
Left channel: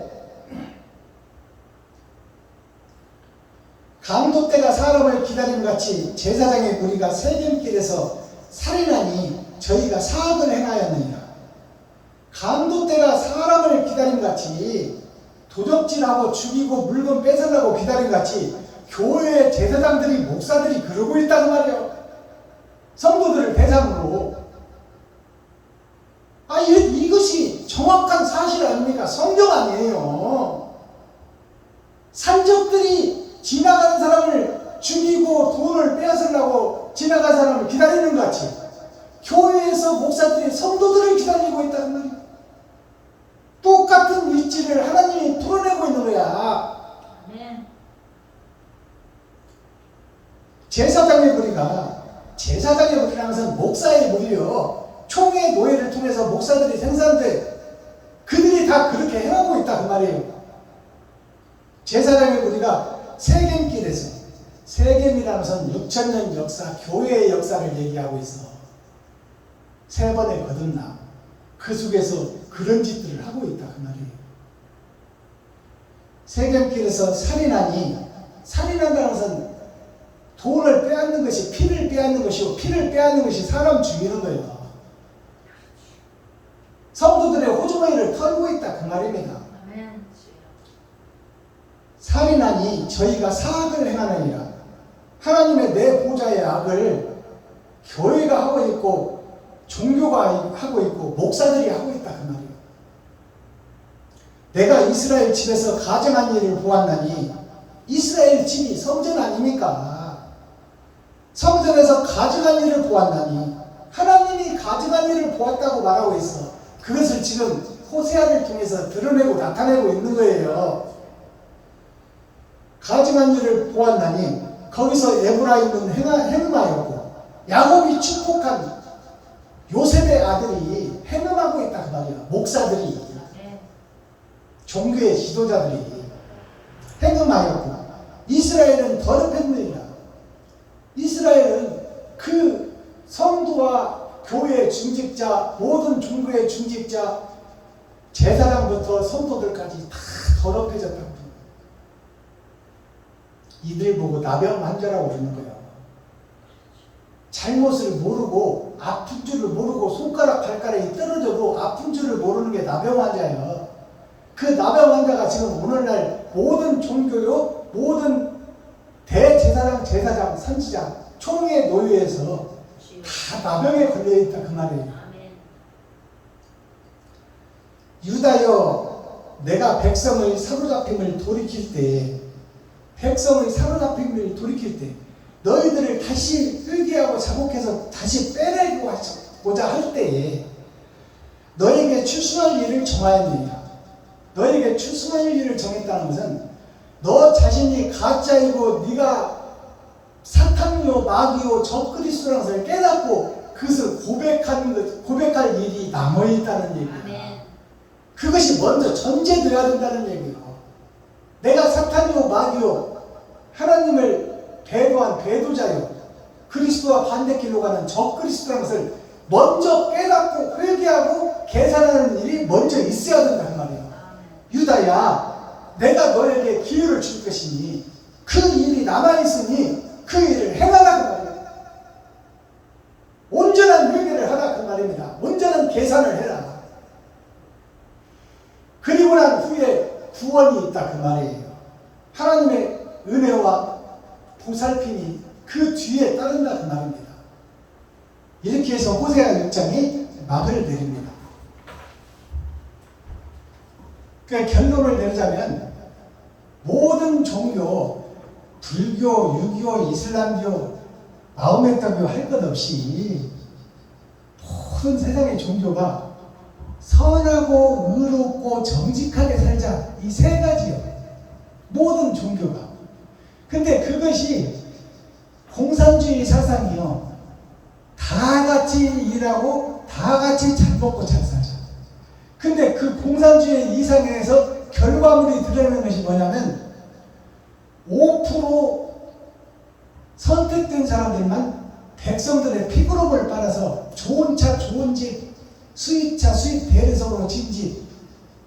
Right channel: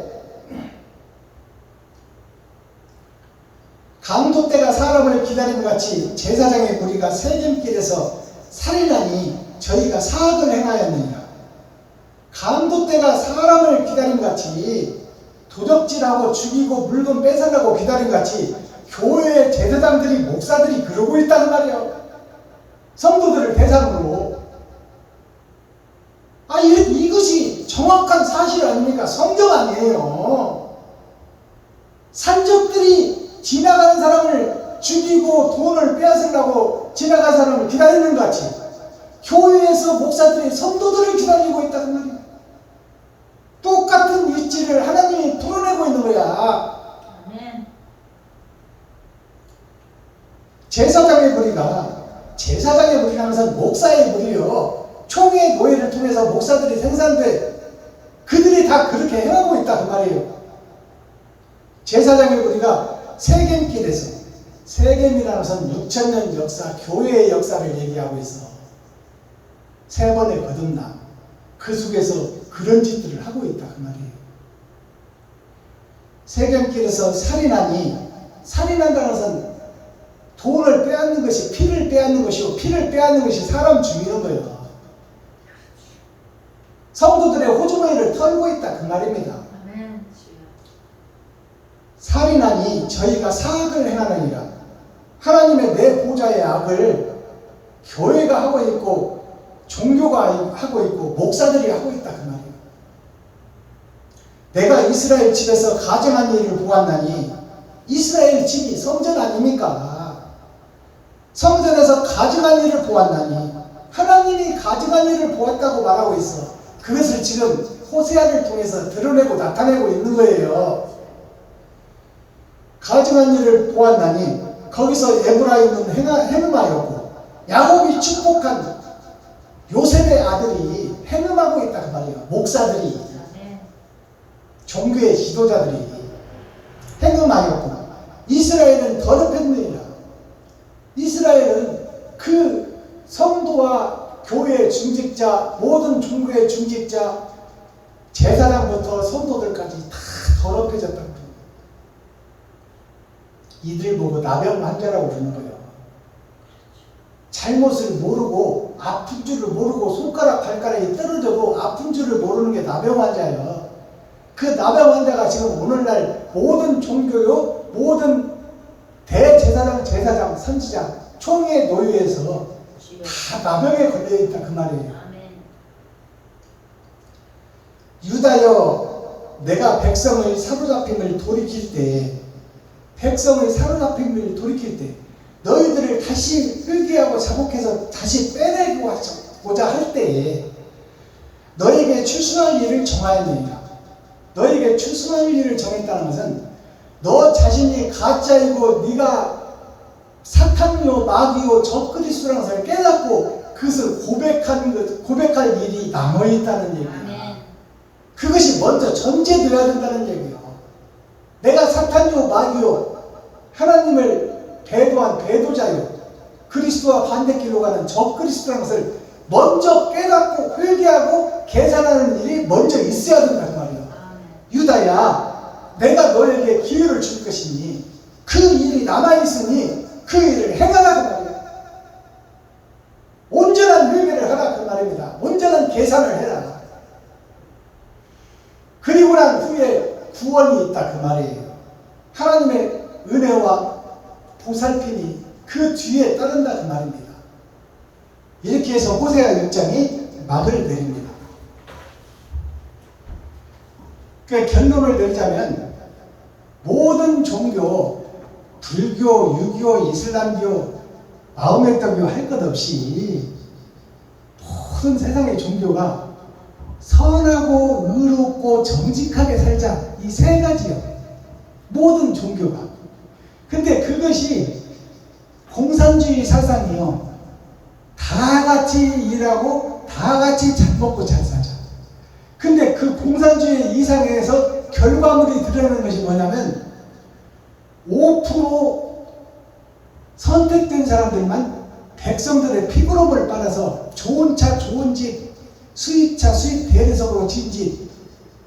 강도 때가 사람을 기다림 같이 제사장의 무리가 세겜길에서 살인하니 저희가 사악을 행하였느니라. 강도 때가 사람을 기다림 같이 도적질하고 죽이고 물건 뺏으려고 기다림 같이 교회의 제사장들이 목사들이 그러고 있다는 말이에요. 성도들을 대상으로. 이것이 정확한 사실 아닙니까? 성경 아니에요. 산적들이 지나가는 사람을 죽이고 돈을 빼앗으려고 지나가는 사람을 기다리는 것 같이 교회에서 목사들이 성도들을 기다리고 있다는 말이에요. 똑같은 위치를 하나님이 드러내고 있는 거야. 제사장의 무리라는 것은 목사의 무리요. 총회 노예를 통해서 목사들이 생산돼 그들이 다 그렇게 행하고 있다 그 말이에요. 제사장의 무리가 세겜길에서, 세겜이라는 것은 6,000년 역사, 교회의 역사를 얘기하고 있어. 세 번의 거듭남, 그 속에서 그런 짓들을 하고 있다 그 말이에요. 세겜길에서 살인한다는 것은 돈을 빼앗는 것이 피를 빼앗는 것이고, 피를 빼앗는 것이 사람 죽이는 거예요. 성도들의 호주머니를 털고 있다 그 말입니다. 살인하니 저희가 사악을 행하느니라. 하나님의 내 보좌의 악을 교회가 하고 있고 종교가 하고 있고 목사들이 하고 있다 그 말이에요. 내가 이스라엘 집에서 가증한 일을 보았나니, 이스라엘 집이 성전 아닙니까? 성전에서 가증한 일을 보았나니, 하나님이 가증한 일을 보았다고 말하고 있어. 그것을 지금 호세아를 통해서 드러내고 나타내고 있는 거예요. 가증한 일을 보았나니 거기서 에브라임은 헤름하였고 야곱이 축복한 요셉의 아들이 헤름하고 있다 그 말이에요. 목사들이, 종교의 지도자들이 헤름하였고 이스라엘은 더럽혔느니라. 이스라엘은 그 성도와 교회의 중직자, 모든 종교의 중직자, 제사장부터 성도들까지 다 더럽혀졌다는 거예요. 이들 보고 나병 환자라고 그러는 거예요. 잘못을 모르고 아픈 줄을 모르고 손가락 발가락이 떨어져도 아픈 줄을 모르는 게 나병 환자예요. 그 나병 환자가 지금 오늘날 모든 종교요, 모든 대제사장, 제사장, 선지장, 총회 노예에서 다 나병에 걸려있다 그 말이에요. 유다여, 내가 백성의 사로잡힘을 돌이킬 때, 너희들을 다시 회개하고 자복해서 다시 빼내고자 할 때에 너희에게 출소할 일을 정하였느니라. 너희에게 출소할 일을 정했다는 것은 너 자신이 가짜이고 네가 사탄이요 마귀요 적그리스도라는 것을 깨닫고 그것을 고백할 일이 남아있다는 얘기야. 그것이 먼저 전제되어야 된다는 얘기예요. 내가 사탄이요 마귀요 하나님을 배도한 배도자요 그리스도와 반대길로 가는 적그리스도라는 것을 먼저 깨닫고 회개하고 계산하는 일이 먼저 있어야 된다 그 말이에요. 유다야, 내가 너에게 기회를 줄 것이니 그 일이 남아있으니 그 일을 행하라 그 말이에요. 온전한 회개를 하라 그 말입니다. 온전한 계산을 해라. 그리고 난 후에 구원이 있다 그 말이에요. 하나님의 은혜와 보살핌이 그 뒤에 따른다 그 말입니다. 이렇게 해서 호세아 6장이 막을 내립니다. 그 결론을 내리자면 모든 종교, 불교, 유교, 이슬람교, 마호메트교 할 것 없이 모든 세상의 종교가 선하고 의롭고 정직하게 살자, 이 세 가지요. 모든 종교가. 근데 그것이 공산주의 사상이요. 다 같이 일하고 다 같이 잘 먹고 잘 살자. 근데 그 공산주의 이상에서 결과물이 드러나는 것이 뭐냐면 5% 선택된 사람들만 백성들의 피부로를 빨아서 좋은 차, 좋은 집, 수입차, 수입 대리석으로 진 집,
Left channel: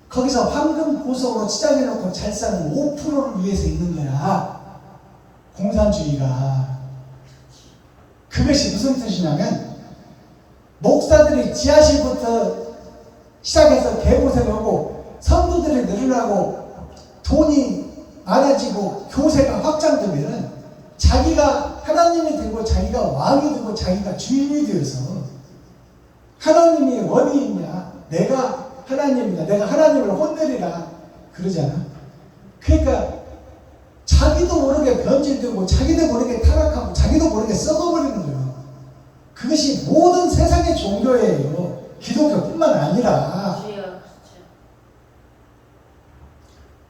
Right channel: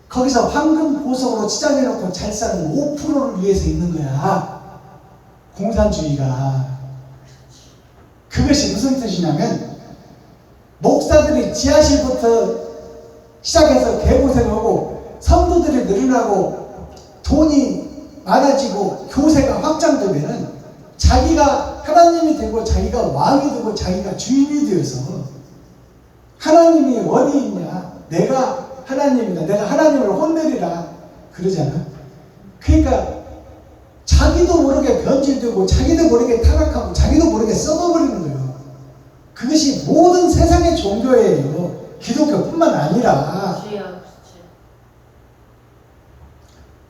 거기서 황금 보석으로 치장해놓고 잘 사는 5%를 위해서 있는 거야. 공산주의가. 그것이 무슨 뜻이냐면 목사들이 지하실부터 시작해서 개고생하고 성도들이 늘어나고 돈이 많아지고 교세가 확장되면은 자기가 하나님이 되고 자기가 왕이 되고 자기가 주인이 되어서 하나님이 어디 있냐, 내가 하나님이다, 내가 하나님을 혼내리라 그러잖아. 그러니까 자기도 모르게 변질되고 자기도 모르게 타락하고 자기도 모르게 썩어버리는 거예요. 그것이 모든 세상의 종교예요. 기독교뿐만 아니라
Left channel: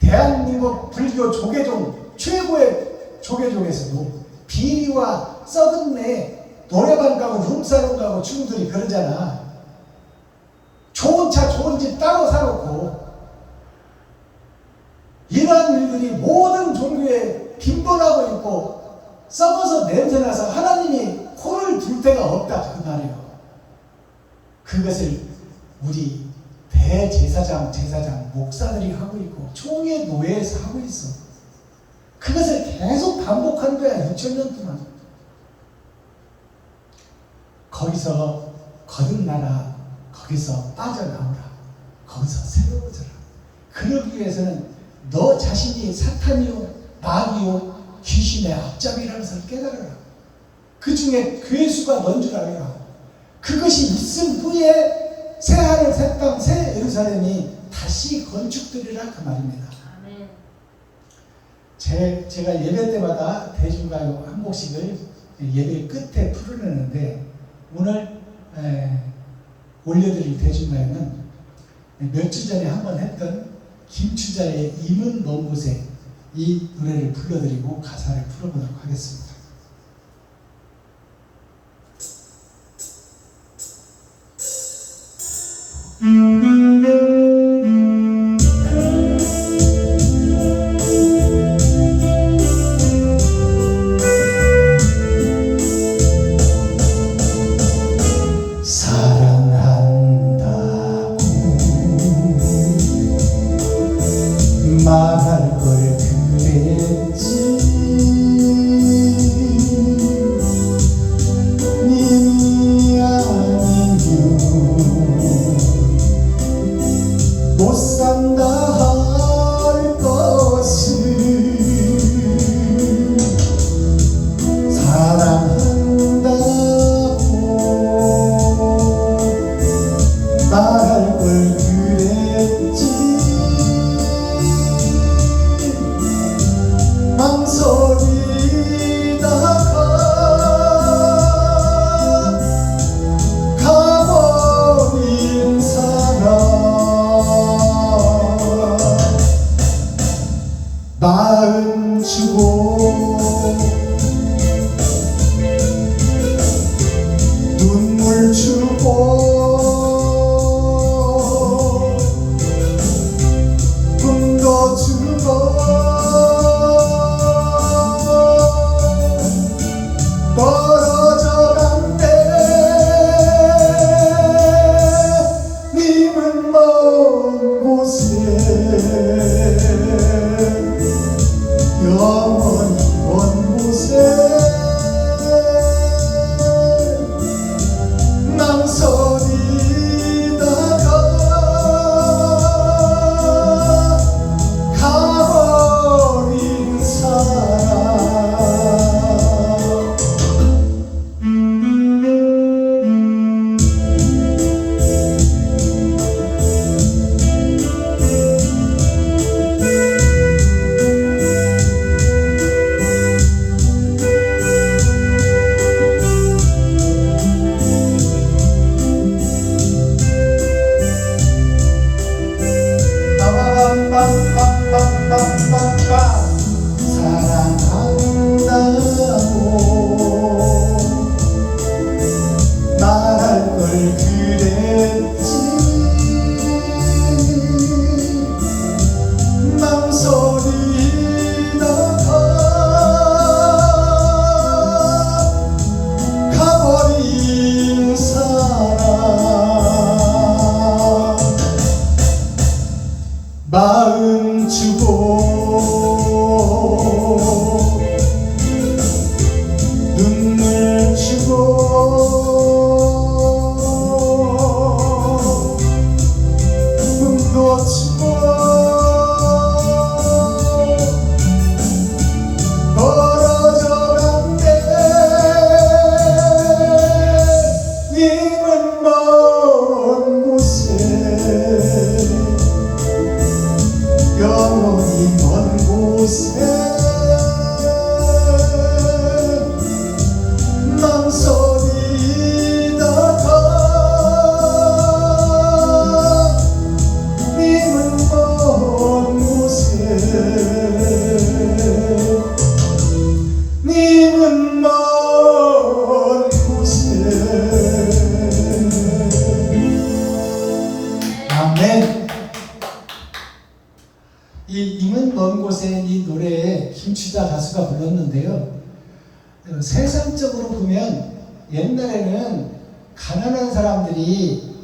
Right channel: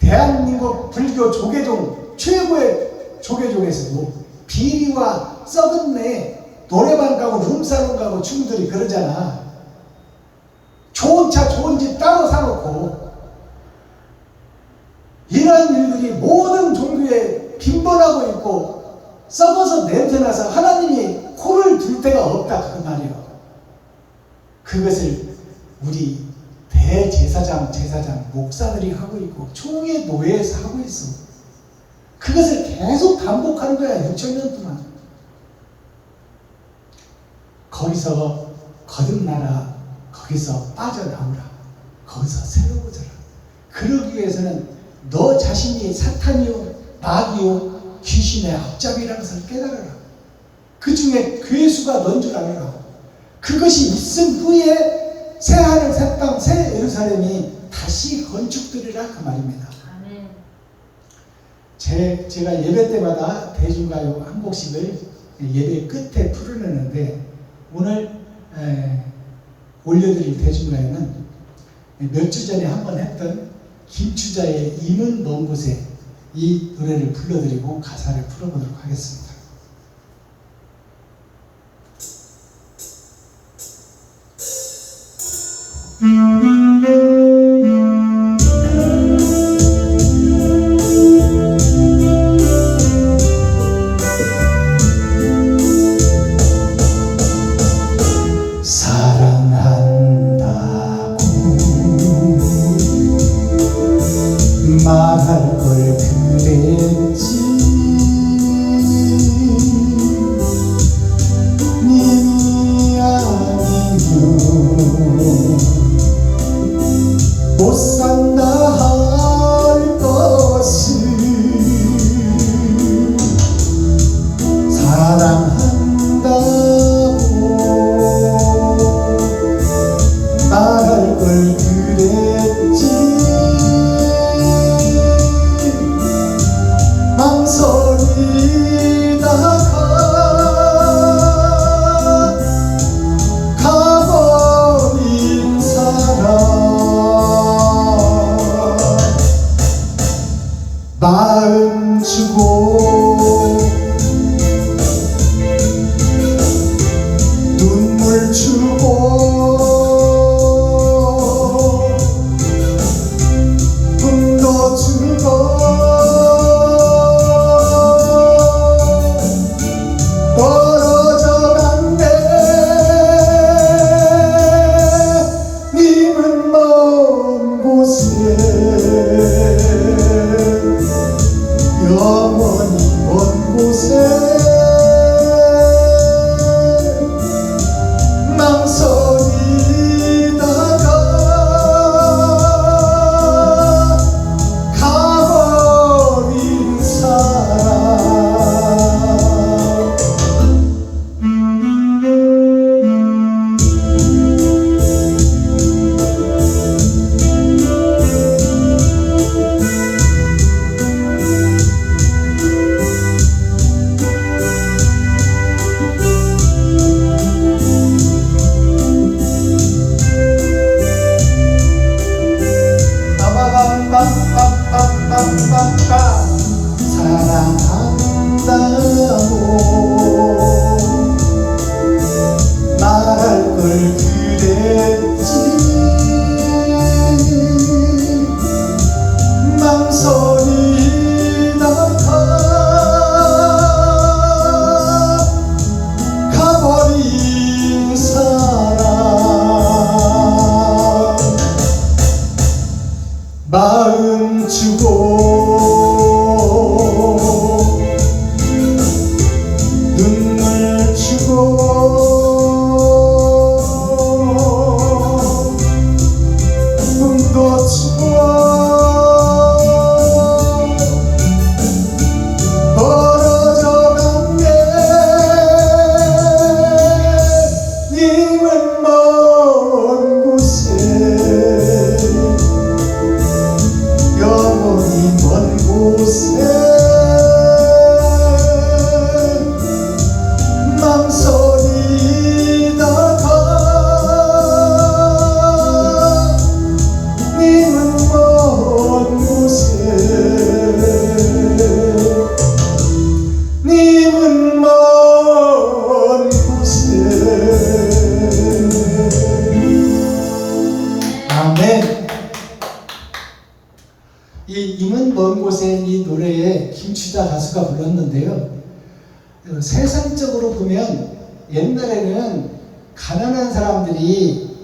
대한민국 불교 조계종 최고의 조계종에서도 비리와 썩은 내 노래방 가고 룸사롱 가고 친구들이 그러잖아. 좋은 차 좋은 집 따로 사놓고 이런 일들이 모든 종교에 빈번하고 있고 썩어서 냄새나서 하나님이 코를 둘 데가 없다 그 말이에요. 그것을 우리 대제사장, 제사장, 목사들이 하고 있고 총회 노예에서 하고 있어. 그것을 계속 반복하는 거야. 6,000년 동안. 거기서 거듭나라. 거기서 빠져나오라. 거기서 새로워져라. 그러기 위해서는 너 자신이 사탄이요 마귀요 귀신의 앞잡이라는 것을 깨달아라. 그 중에 괴수가 넌 줄 알아라. 그것이 있은 후에 새 하늘 새 땅 새 예루살렘이 다시 건축되리라 그 말입니다. 제가 예배 때마다 대중가요 한 곡씩을 예배 끝에 풀어내는데 오늘 올려드릴 대중가요는 몇 주 전에 한번 했던 김추자의 임은 먼 곳에 이 노래를 불러드리고 가사를 풀어보도록 하겠습니다. 말할 걸 그랬지 님이 아니면 있는데요. 세상적으로 보면 옛날에는 가난한 사람들이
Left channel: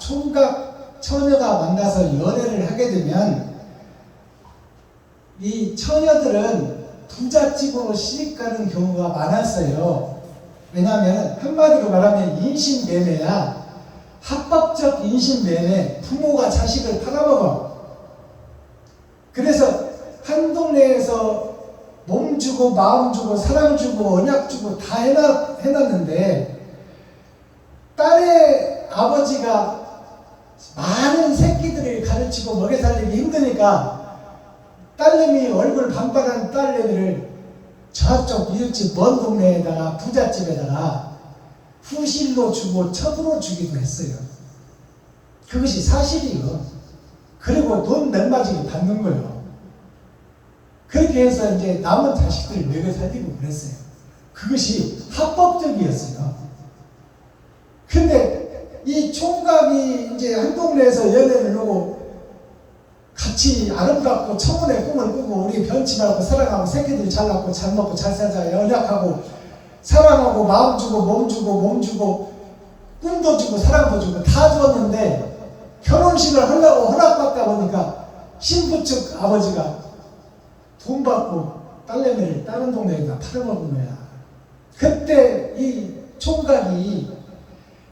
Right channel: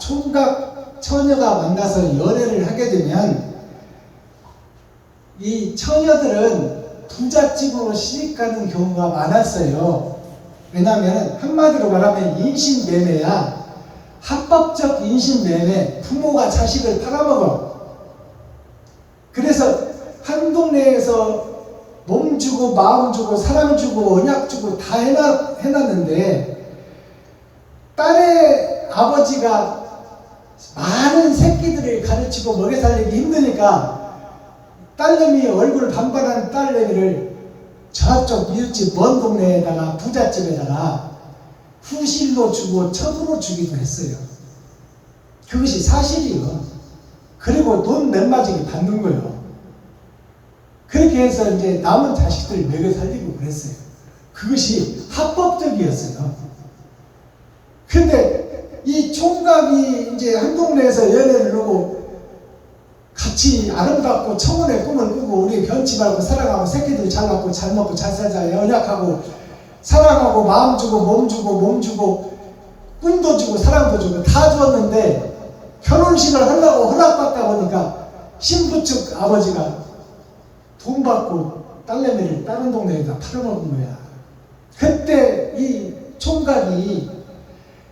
총각 처녀가 만나서 연애를 하게 되면 이 처녀들은 부잣집으로 시집가는 경우가 많았어요. 왜냐하면 한마디로 말하면 인신매매야. 합법적 인신매매. 부모가 자식을 팔아먹어. 그래서 한 동네에서 몸 주고 마음 주고 사랑 주고 언약 주고 다 해놨는데 딸의 아버지가 많은 새끼들을 가르치고 먹여 살리기 힘드니까 딸내미 얼굴 반반한 딸내미를 저쪽 이웃집 먼 동네에다가 부잣집에다가 후실로 주고 첩으로 주기도 했어요. 그것이 사실이요. 그리고 돈 넷마지기 받는 거예요. 그렇게 해서 이제 남은 자식들 먹여 살리고 그랬어요. 그것이 합법적이었어요. 근데 이 총각이 이제 한 동네에서 연애를 하고 같이 아름답고 청혼의 꿈을 꾸고 우리 견치 말고 사랑하고 새끼들 잘 낳고 잘 먹고 잘 살자 연약하고 사랑하고 마음 주고 몸 주고 꿈도 주고 사랑도 주고 다 주었는데 결혼식을 하려고 허락받다 보니까 신부 측 아버지가 돈 받고 딸내미를 다른 동네에다 팔아먹은 거야. 그때 이 총각이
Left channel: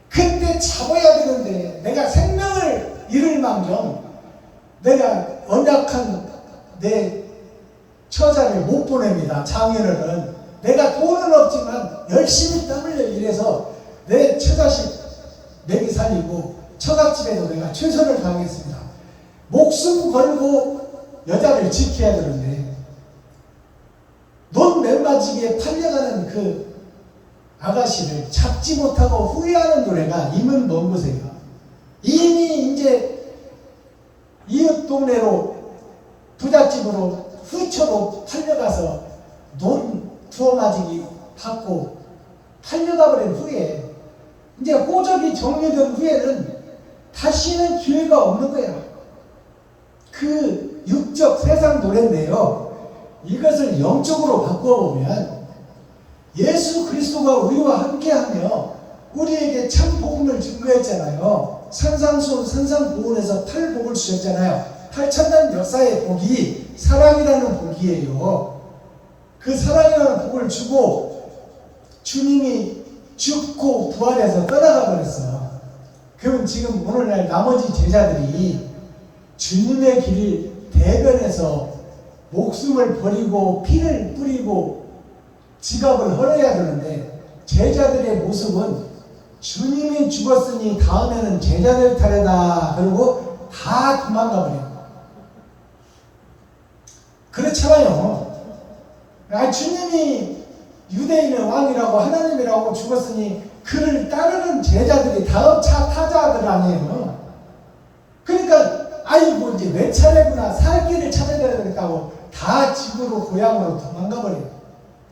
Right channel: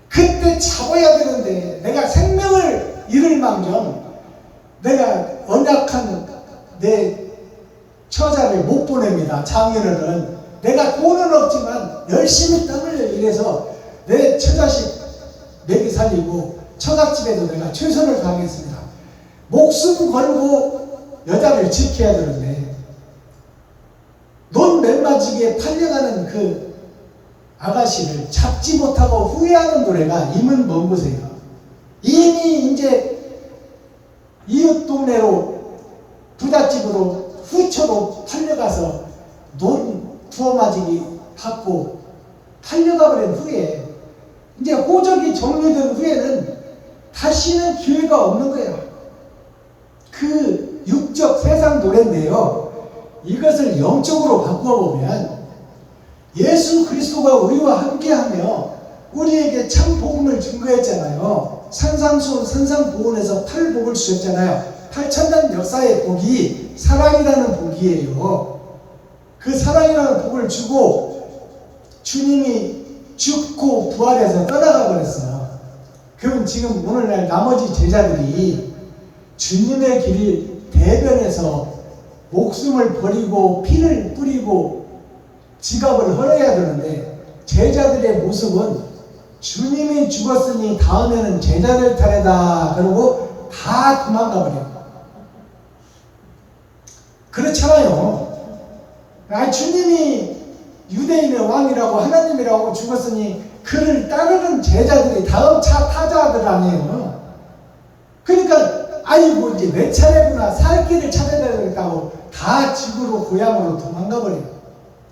그때 잡아야 되는데 내가 생명을 잃을 망정 내가 언약한 내 처자를 못 보냅니다. 장인어른 내가 돈은 없지만 열심히 땀 흘려 일해서 내 처자식 먹이 살리고 처갓집에도 내가 최선을 다하겠습니다. 목숨 걸고 여자를 지켜야 되는데 돈 멜마지기에 팔려가는 그 아가씨를 잡지 못하고 후회하는 노래가 이문 먼 곳이에요. 이미 이제 이웃 동네로 부잣집으로 후처로 팔려가서 돈 부어맞이기 받고 팔려가 버린 후에 이제 호적이 정리된 후에는 다시는 기회가 없는 거야. 그 육적 세상 노래인데요. 이것을 영적으로 바꿔보면 예수 그리스도가 우리와 함께하며 우리에게 참 복음을 증거했잖아요. 산상수훈 산상보훈에서 8복을 주셨잖아요. 8천년 역사의 복이 사랑이라는 복이에요. 그 사랑이라는 복을 주고 주님이 죽고 부활해서 떠나가 버렸어. 그럼 지금 오늘날 나머지 제자들이 주님의 길을 대변해서 목숨을 버리고 피를 뿌리고 지갑을 헐어야 되는데 제자들의 모습은 주님이 죽었으니 다음에는 제자들 차례다 그러고 다 도망가 버려요. 그렇잖아요. 주님이 유대인의 왕이라고 하나님이라고 죽었으니 그를 따르는 제자들이 다음 차 타자들 아니에요. 그러니까 아이고 이제 내 차례구나 살 길을 찾아야 되겠다고 다 집으로 고향으로 도망가 버려요.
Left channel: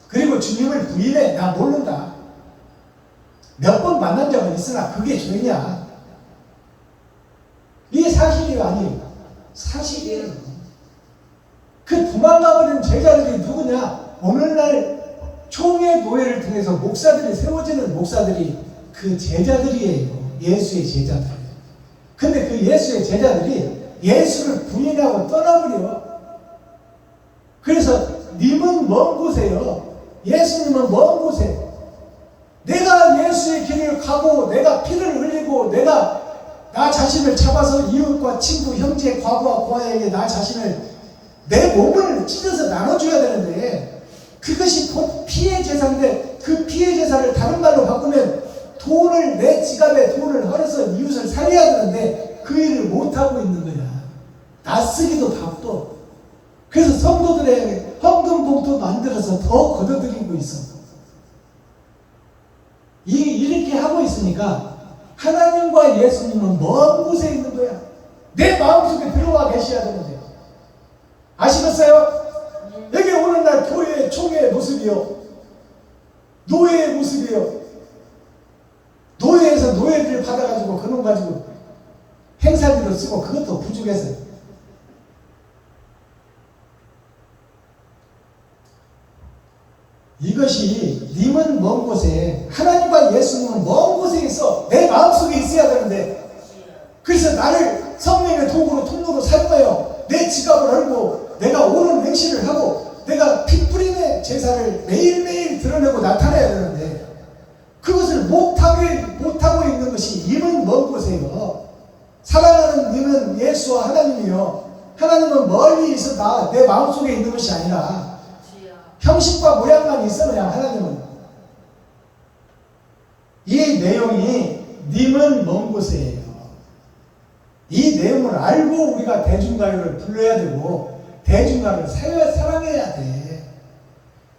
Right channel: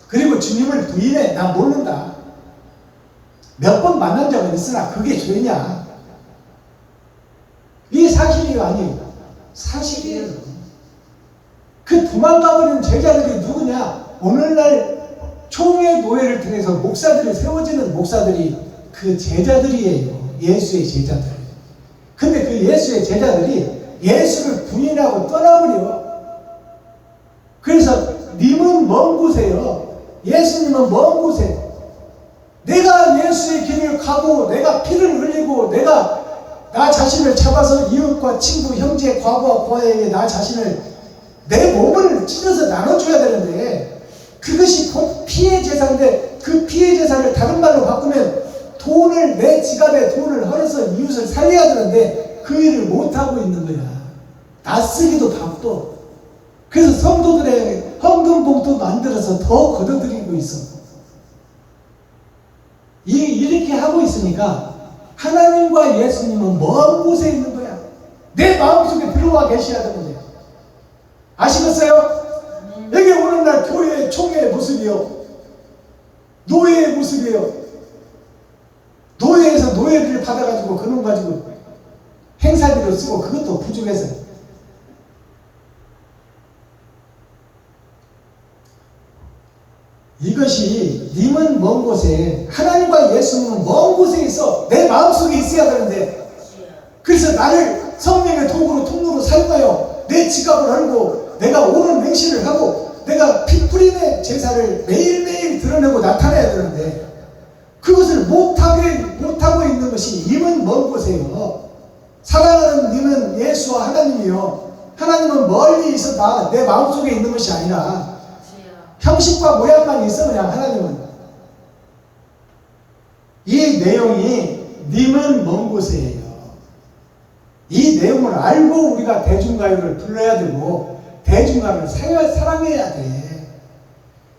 그리고 주님을 부인해. 나 모른다. 몇 번 만난 적은 있으나 그게 죄냐? 이 사실이 아니에요. 사실이에요. 그 도망가 버린 제자들이 누구냐? 오늘날 총회 노예를 통해서 목사들이 세워지는 목사들이 그 제자들이에요. 예수의 제자들. 근데 그 예수의 제자들이 예수를 부인하고 떠나버려. 그래서 님은 먼 곳에요. 예수님은 먼 곳에. 내가 예수의 길을 가고 내가 피를 흘리고 내가 나 자신을 잡아서 이웃과 친구, 형제, 과부와 고아에게 나 자신을 내 몸을 찢어서 나눠줘야 되는데 그것이 피해 제사인데 그 피해 제사를 다른 말로 바꾸면 돈을 내 지갑에 돈을 헐어서 이웃을 살려야 되는데 그 일을 못하고 있는 거야. 낯쓰기도 바빠. 그래서 성도들의 헌금봉투 만들어서 더 걷어들이고 있어. 이렇게 하고 있으니까 하나님과 예수님은 먼 곳에 있는 거야. 내 마음속에 들어와 계셔야 되는 거야. 아시겠어요? 여기 오늘날 교회의 총회의 모습이요. 노예의 모습이요. 노예에서 노예비를 받아가지고 그놈 가지고 행사비로 쓰고 그것도 부족해서 이것이 님은 먼 곳에, 하나님과 예수님은 먼 곳에 있어 내 마음속에 있어야 되는데, 그래서 나를 성령의 도구로 통로로 사용하여 내 지갑을 열고 내가 옳은 행실을 하고 내가 피 뿌림의 제사를 매일매일 드러내고 나타내야 되는데, 그것을 못하고 있는 것이 님은 먼 곳에요. 사랑하는 님은 예수와 하나님이요, 하나님은 멀리 있어 내 마음속에 있는 것이 아니라 형식과 모양만 있어. 그냥 하나님은 이 내용이 님은 먼 곳이에요. 이 내용을 알고 우리가 대중가요를 불러야 되고 대중가요를 사랑해야 돼.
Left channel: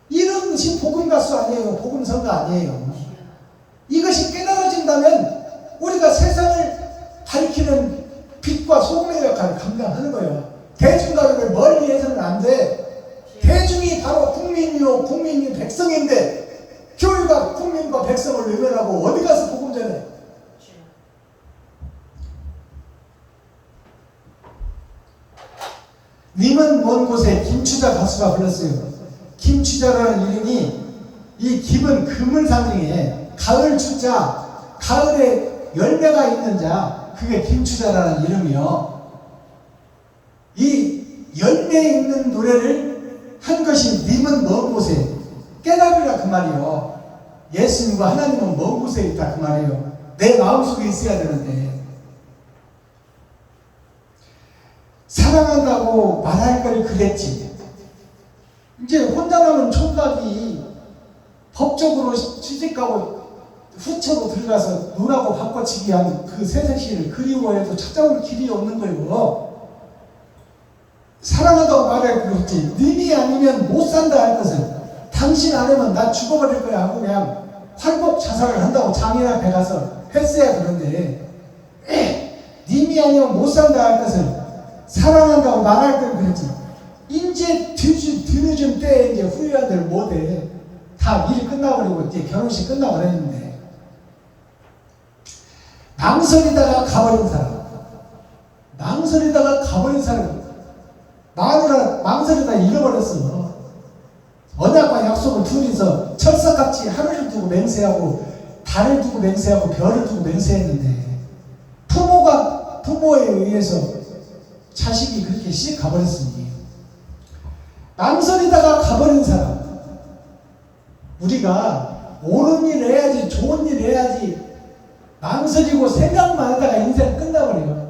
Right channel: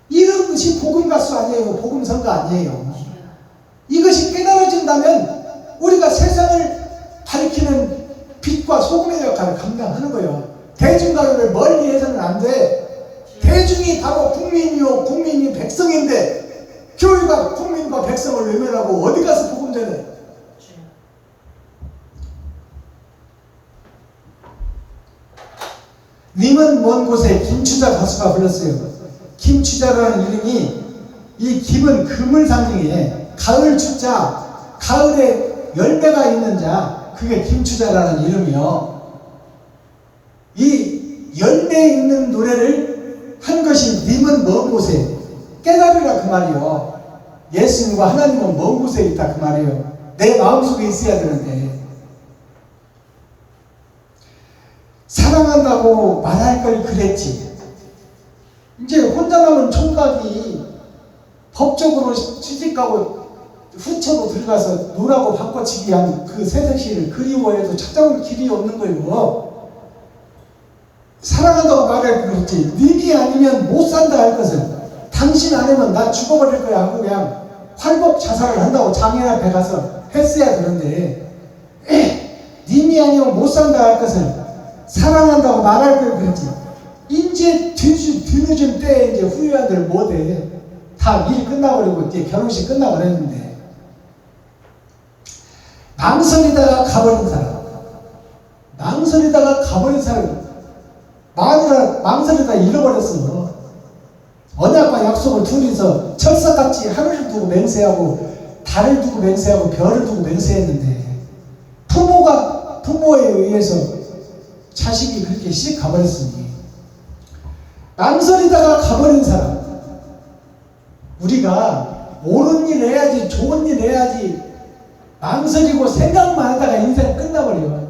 이런 것이 복음가수 아니에요. 복음성가 아니에요. 이것이 깨달아진다면 우리가 세상을 밝히는 빛과 소금의 역할을 감당하는 거예요. 대중가요를 멀리 해서는 안 돼. 대중이 바로 국민이요, 국민이 백성인데 교회가 국민과 백성을 외면하고 어디 가서 복음 전해? 님은 먼 곳에 김추자 가수가 불렀어요. 김추자라는 이름이, 이 김은 금을 상징해. 가을 추자, 가을에 열매가 있는 자, 그게 김추자라는 이름이요. 이 열매 있는 노래를 한 것이 님은 먼 곳에, 깨달으라 그 말이요. 예수님과 하나님은 먼 곳에 있다 그 말이요. 내 마음속에 있어야 되는데, 사랑한다고 말할 걸 그랬지. 이제 혼자 남은 총각이 법적으로 시집가고 후처로 들어가서 노라고 바꿔치기 한 그 새색시를 그리워해도 찾아올 길이 없는 거예요. 사랑한다고 말할 걸 그랬지. 님이 아니면 못 산다 할 것을, 당신 아니면 나 죽어버릴 거야 하고 그냥 활복 자살을 한다고 장인 앞에 가서 했어야 되는데, 님이 아니면 못 산다 할 것을 사랑한다고 말할 걸 그랬지. 이제 뒤늦은 때에 이제 후회한들 못해. 다 일 끝나버리고 이제 결혼식 끝나버렸는데, 망설이다가 가버린 사람, 마누라 망설이다 잃어버렸어. 언약과 약속을 둘이서 철사같이 하늘을 두고 맹세하고 달을 두고 맹세하고 별을 두고 맹세했는데, 부모에 의해서 자식이 그렇게 씩 가버렸으니, 망설이다가 가버린 사람, 우리가 옳은 일 해야지, 좋은 일 해야지 망설이고 생각만 하다가 인생 끝나버려.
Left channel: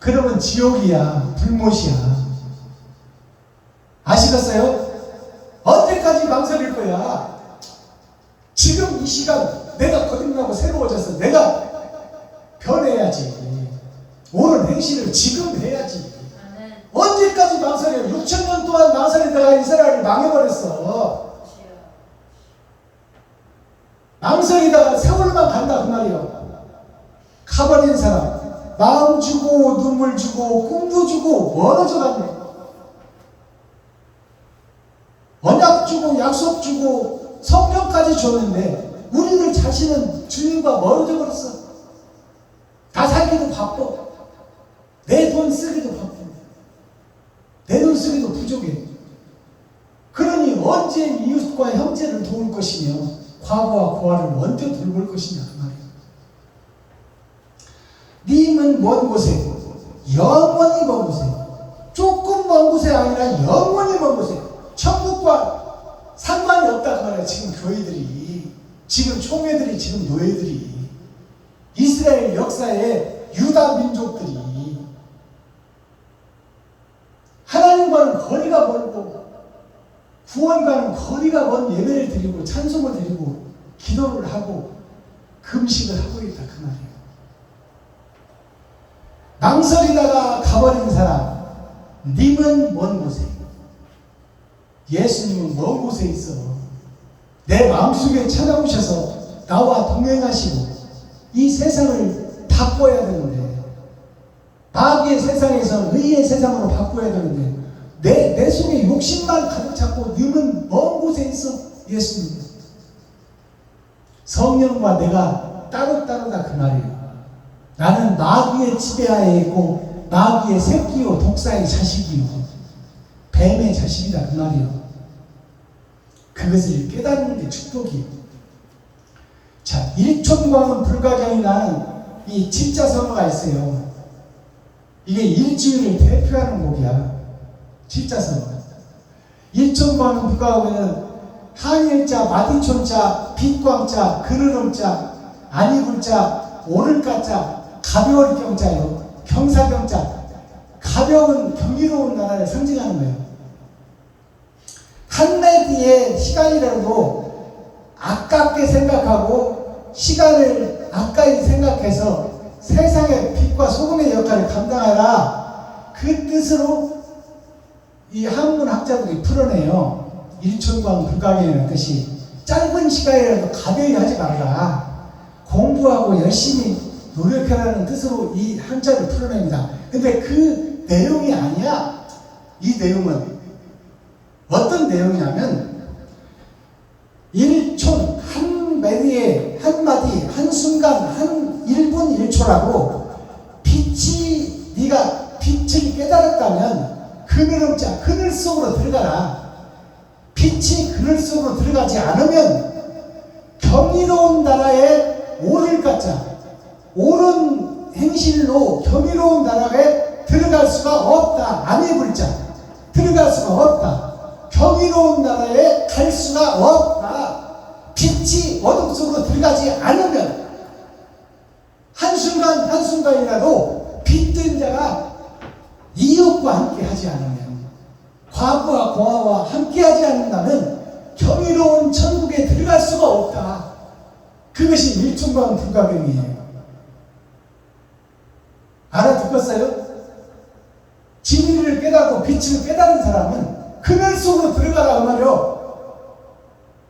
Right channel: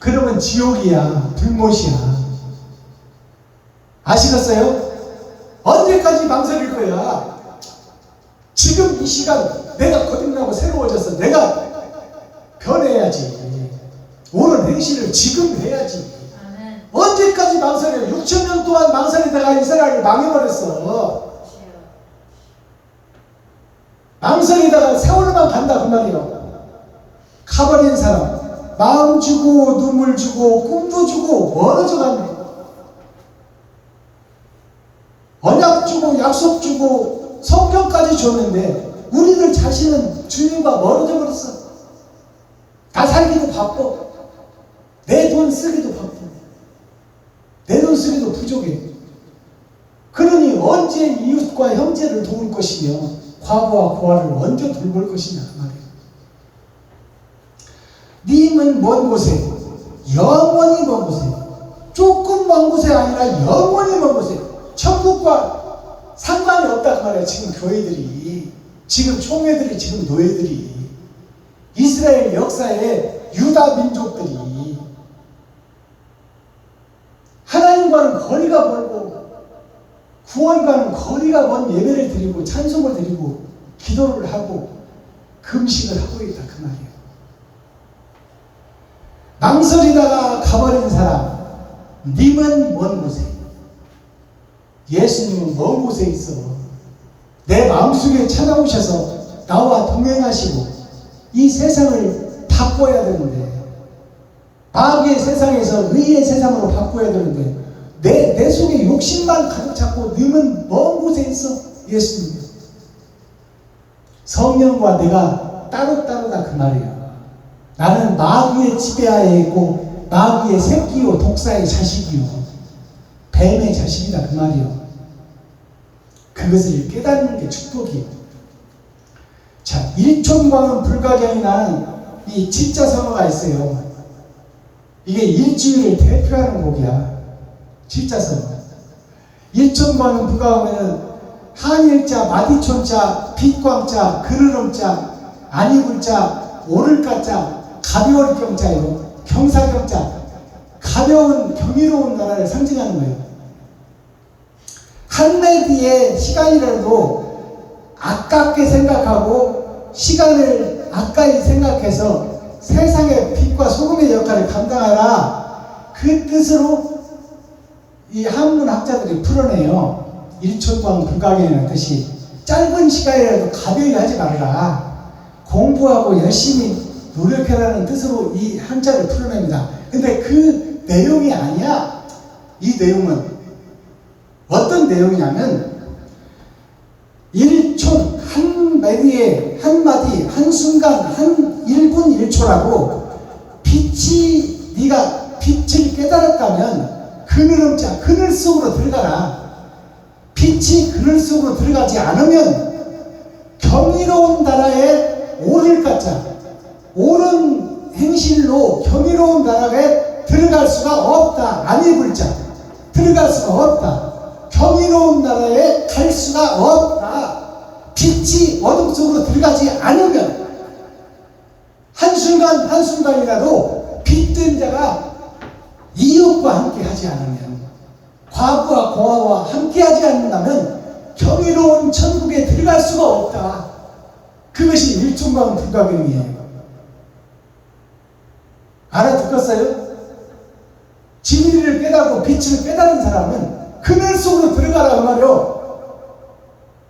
그러면 지옥이야, 불못이야. 아시겠어요? 언제까지 망설일 거야? 지금 이 시간 내가 거듭나고 새로워져서 내가 변해야지. 옳은 행실을 지금 해야지. 언제까지 망설여? 6,000년 동안 망설이다가 이스라엘을 망해버렸어. 망설이다가 세월만 간다 그 말이에요. 가버린 사람, 마음 주고 눈물 주고 꿈도 주고 멀어져 갔네. 언약 주고 약속 주고 성경까지 줬는데 우리들 자신은 주님과 멀어져 버렸어. 다 살기도 바빠. 내 돈 쓰기도 바빠. 내 돈 쓰기도 부족해. 그러니 언제 이웃과 형제를 도울 것이며 과부와 고아를 언제 돌볼 것이냐 그 말이에요. 님은 먼 곳에, 영원히 먼 곳에, 조금 먼 곳에 아니라 영원히 먼 곳에, 천국과 상관이 없다 그 말이에요. 지금 교회들이, 지금 총회들이, 지금 노예들이, 이스라엘 역사에 유다 민족들이 하나님과는 거리가 멀고 구원과는 거리가 먼 예배를 드리고 찬송을 드리고 기도를 하고 금식을 하고 있다 그 말이에요. 망설이다가 가버린 사람, 님은 먼 곳에, 예수님은 먼 곳에 있어. 내 마음속에 찾아오셔서 나와 동행하시고 이 세상을 바꿔야 되는데, 마귀의 세상에서 의의 세상으로 바꿔야 되는데 내 속에 욕심만 가득 찼고 님은 먼 곳에 있어. 예수님, 성령과 내가 따로따로다 그 말이에요. 나는 마귀의 지배하에 있고 마귀의 새끼요 독사의 자식이요 뱀의 자식이다 그 말이에요. 그 그것을 깨닫는 게 축복이에요. 자, 일촌광은 불가경이라는 이 칠자선어가 있어요. 이게 일주일을 대표하는 곡이야. 칠자선어. 일촌광은 불가경은 한일자, 마디촌자, 빛광자, 그르름자, 안이불자, 오를가자, 가벼울 경자예요. 경사경자. 가벼운 경이로운 나라를 상징하는 거예요. 한마디의 시간이라도 아깝게 생각하고 시간을 아까이 생각해서 세상의 빛과 소금의 역할을 감당하라. 그 뜻으로 이 한문 학자들이 풀어내요. 일촌광 불가경이라는 뜻이 짧은 시간이라도 가벼이 하지 말라. 공부하고 열심히 노력해라는 뜻으로 이 한자를 풀어냅니다. 근데 그 내용이 아니야. 이 내용은 어떤 내용이냐면 일촌 한마디에 한마디 한순간 한 1분 1초라고 빛이 네가 빛을 깨달았다면 그늘음자 그늘 속으로 들어가라. 빛이 그늘 속으로 들어가지 않으면 경이로운 나라에 오를 가자 옳은 행실로 경이로운 나라에 들어갈 수가 없다. 아니 불자 들어갈 수가 없다. 경이로운 나라에 갈 수가 없다. 빛이 어둠 속으로 들어가지 않으면 한순간 한순간이라도 빛된 자가 이웃과 함께 하지 않으면 과부와 고아와 함께 하지 않는다면 경이로운 천국에 들어갈 수가 없다. 그것이 일촌광 불가경이에요. 알아듣겠어요? 진리를 깨닫고 빛을 깨달은 사람은 그늘 속으로 들어가라 그 말이요.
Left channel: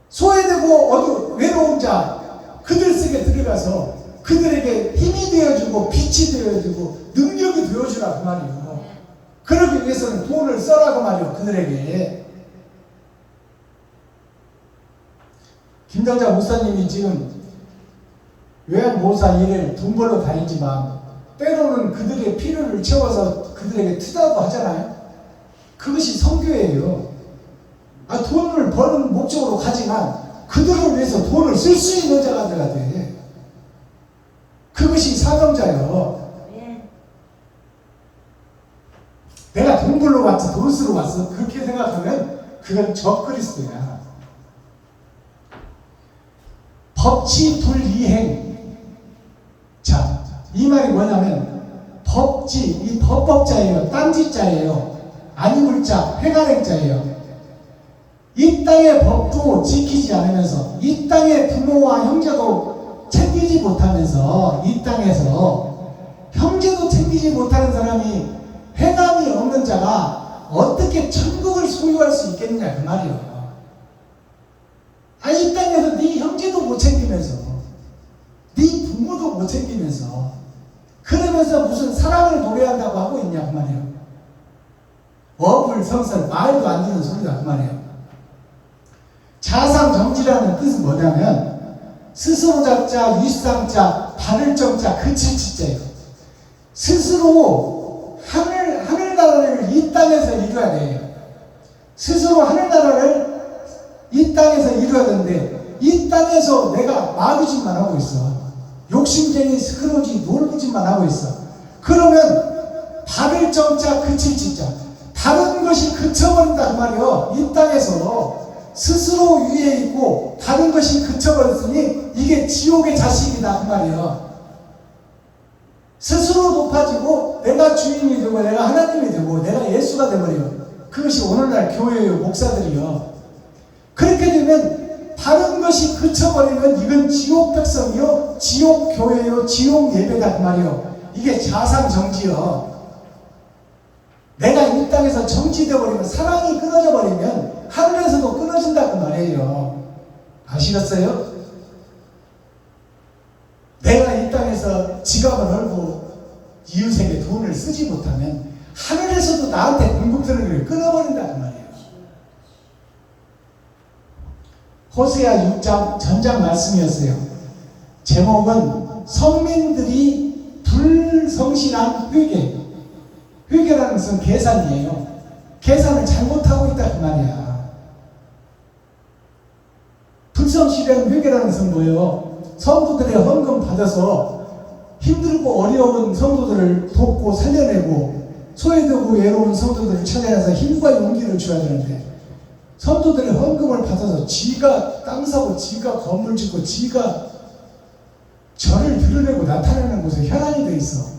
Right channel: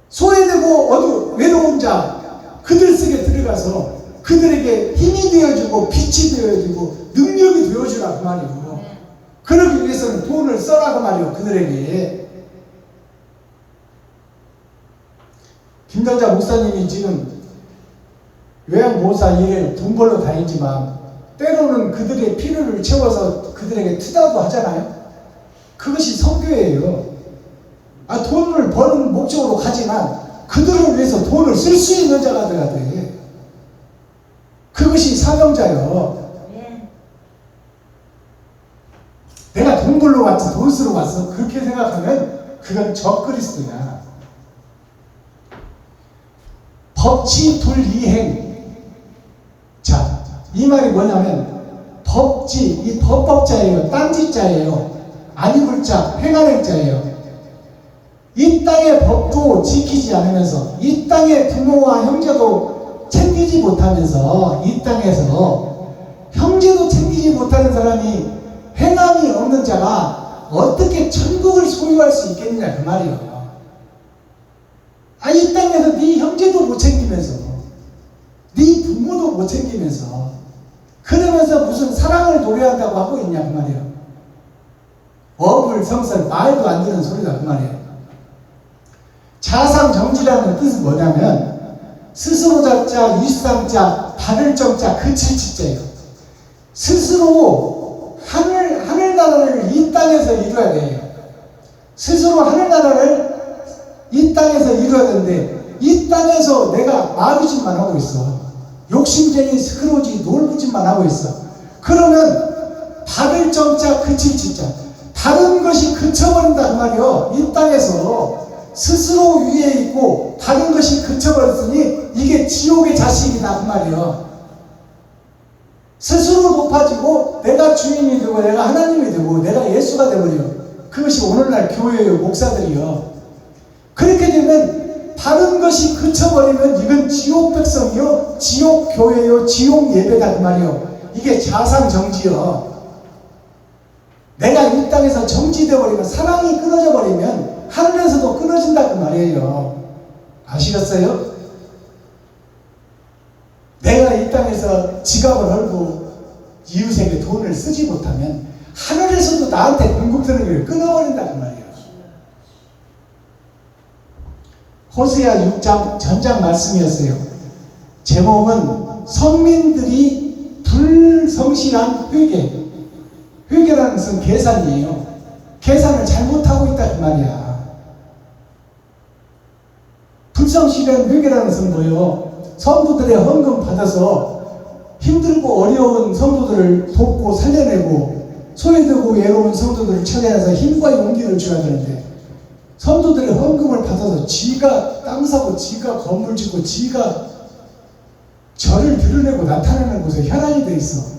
소외되고 외로운 자 그들 속에 들어가서 그들에게 힘이 되어주고 빛이 되어주고 능력이 되어주라 그 말이요. 그러기 위해서는 돈을 써라 그 말이요. 그들에게. 김당자 목사님이 지금 요양보호사 일을 돈 벌러 다니지만 때로는 그들의 필요를 채워서 그들에게 투자도 하잖아요. 그것이 선교예요. 돈을 버는 목적으로 가지만 그들을 위해서 돈을 쓸 수 있는 자가 되어야 돼. 그것이 사명자예요. 내가 돈 벌러 왔지 돈 쓰러 왔어 그렇게 생각하면 그건 적그리스도야. 법치 불이행. 자, 이 말이 뭐냐면 법지, 이 법법자예요. 딴짓자예요. 아니불자, 행하행자예요. 이 땅의 법도 지키지 않으면서 이 땅의 부모와 형제도 챙기지 못하면서 이 땅에서 형제도 챙기지 못하는 사람이 행함이 없는 자가 어떻게 천국을 소유할 수 있겠느냐 그 말이에요. 이 땅에서 네 형제도 못 챙기면서 네 부모도 못 챙기면서 그러면서 무슨 사랑을 노래한다고 하고 있냐 그 말이에요. 어불성설 말도 안 되는 소리다 그 말이에요. 자상정지라는 뜻은 뭐냐면 스스로 잡자, 일상자, 바를 정자, 그칠 지자예요. 스스로 하늘나라를 이 땅에서 이루어야 돼. 스스로 하늘나라를 이 땅에서 이루어야 되는데 이 땅에서 내가 마루짓만 하고 있어. 욕심쟁이 스크로지 놀부짓만 하고 있어. 그러면 바를 정자, 그칠 지자 다른 것이 그쳐버린다 그 말이요. 이 땅에서 스스로 위에 있고 다른 것이 그쳐버렸으니 이게 지옥의 자식이다 그 말이에요. 스스로 높아지고 내가 주인이 되고 내가 하나님이 되고 내가 예수가 되버리고 그것이 오늘날 교회의 목사들이요. 그렇게 되면 다른 것이 그쳐버리면 이건 지옥 백성이요 지옥 교회요 지옥 예배다 그 말이에요. 이게 자상정지요. 내가 이 땅에서 정지되어버리면 사랑이 끊어져 버리면 하늘에서도 끊어진다 그 말이에요. 아시겠어요? 내가 이 땅에서 지갑을 헐고 이웃에게 돈을 쓰지 못하면 하늘에서도 나한테 공급되는 걸 끊어버린다 그 말이에요. 호세아 6장 전장 말씀이었어요. 제목은 선민들이 불성실한 회개. 회개라는 것은 계산이에요. 계산을 잘못하고 있다 그 말이야. 음성실현 회개라는 것은 뭐예요? 성도들의 헌금 받아서 힘들고 어려운 성도들을 돕고 살려내고 소외되고 외로운 성도들을 찾아내서 힘과 용기를 줘야 되는데, 성도들의 헌금을 받아서 지가 땅 사고 지가 건물 짓고 지가 절을 드러내고 나타나는 곳에 혈안이 돼 있어.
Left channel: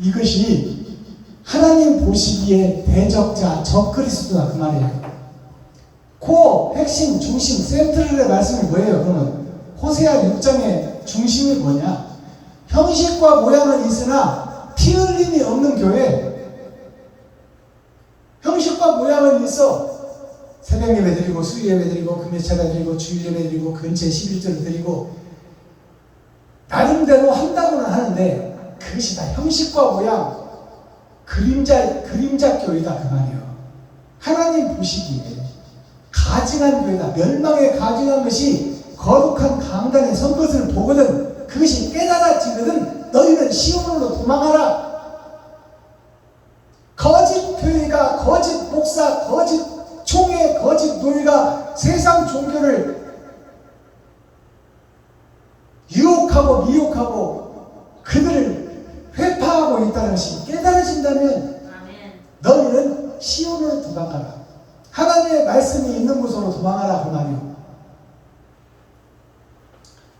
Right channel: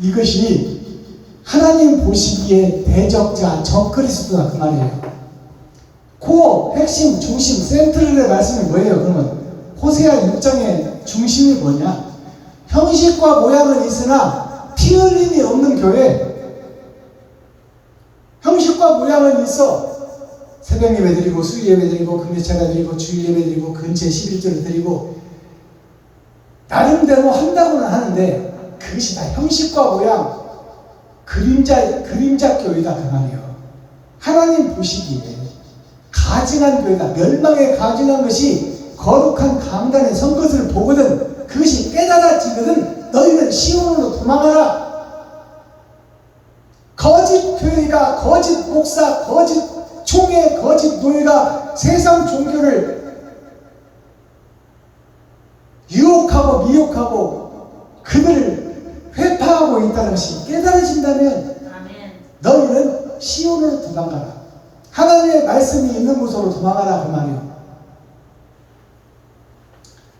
이것이 하나님 보시기에 대적자 적그리스도다 그 말이에요. 코어, 핵심, 중심, 센트럴의 말씀이 뭐예요? 그러면 호세아 6장의 중심이 뭐냐? 형식과 모양은 있으나 피 흘림이 없는 교회. 형식과 모양은 있어. 새벽 예배 드리고 수요 예배 드리고 금요차가 드리고 주일 예배 드리고 근처에 11조를 드리고 나름대로 한다고는 하는데 그것이 다 형식과 모양, 그림자 교회다 그 말이에요. 하나님 보시기에 가증한 교회다. 멸망에 가증한 것이 거룩한 강단에 선 것을 보거든 그것이 깨달아지거든 너희는 시온으로 도망가라. 거짓 교회가, 거짓 목사, 거짓 총회, 거짓 노예가 세상 종교를 유혹하고 미혹하고 그들을 회파하고 있다는 것이 깨달아진다면 너희는 시온으로 도망가라. 하나님의 말씀이 있는 곳으로 도망가라 그 말이에요.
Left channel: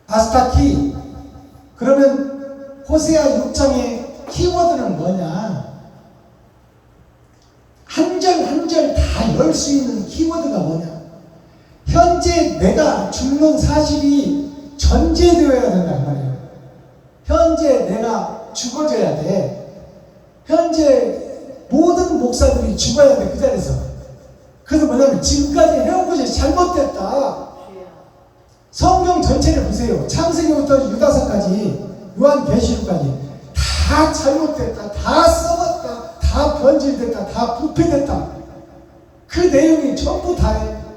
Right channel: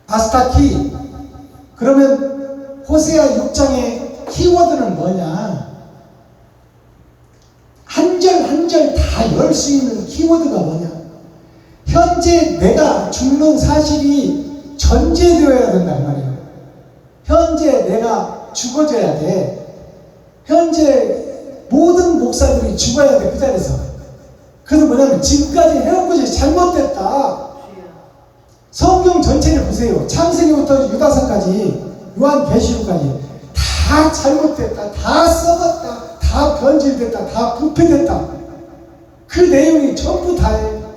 아스타키. 그러면 호세아 6장의 키워드는 뭐냐? 한 절 한 절 다 열 수 있는 키워드가 뭐냐? 현재 내가 죽는 사실이 전제되어야 된다 그 말이에요. 현재 내가 죽어져야 돼. 현재 모든 목사들이 죽어야 돼 그 자리에서. 그래서 뭐냐면 지금까지 해온 것이 잘못됐다. 성경 전체를 보세요. 창세기부터 유다서까지 요한계시록까지 다 잘못됐다. 다 썩었다. 다 변질됐다. 다 부패됐다. 그 내용이 전부 다예요.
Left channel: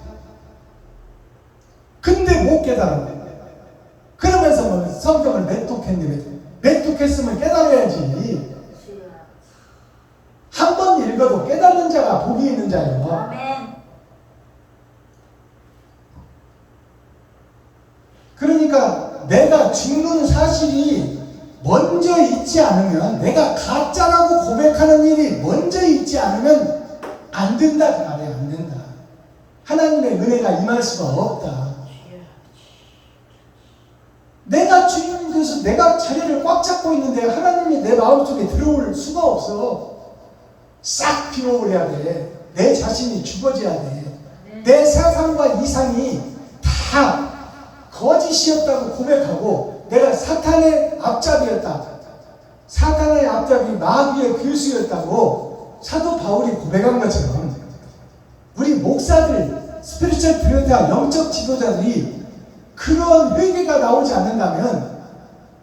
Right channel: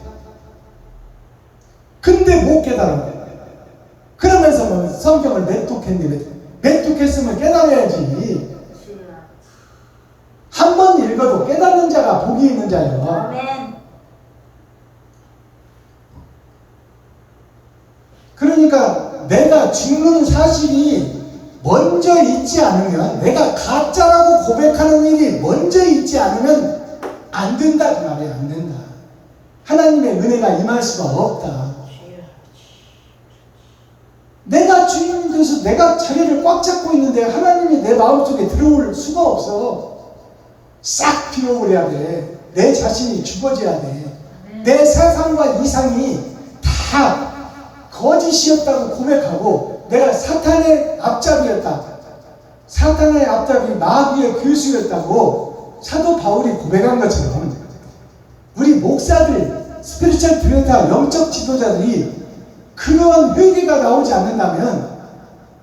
근데 못 깨달아. 그러면서 뭐 성경을 맹독했네. 맹독했으면 깨달아야지. 한 번 읽어도 깨닫는 자가 복이 있는 자예요. 아멘. 그러니까 내가 죽는 사실이 먼저 있지 않으면, 내가 가짜라고 고백하는 일이 먼저 있지 않으면 안 된다 그 말이에요. 안 된다. 하나님의 은혜가 임할 수가 없다. 내가 주인 돼서 내가 자리를 꽉 잡고 있는데 하나님이 내 마음속에 들어올 수가 없어. 싹 비워버려야 돼. 내 자신이 죽어져야 돼. 내 사상과 이상이 다 거짓이었다고 고백하고 내가 사탄의 앞잡이였다. 사탄의 앞잡이 마귀의 교수였다고 사도 바울이 고백한 것처럼 우리 목사들, 스피리추얼 디렉터, 영적 지도자들이 그러한 회개가 나오지 않는다면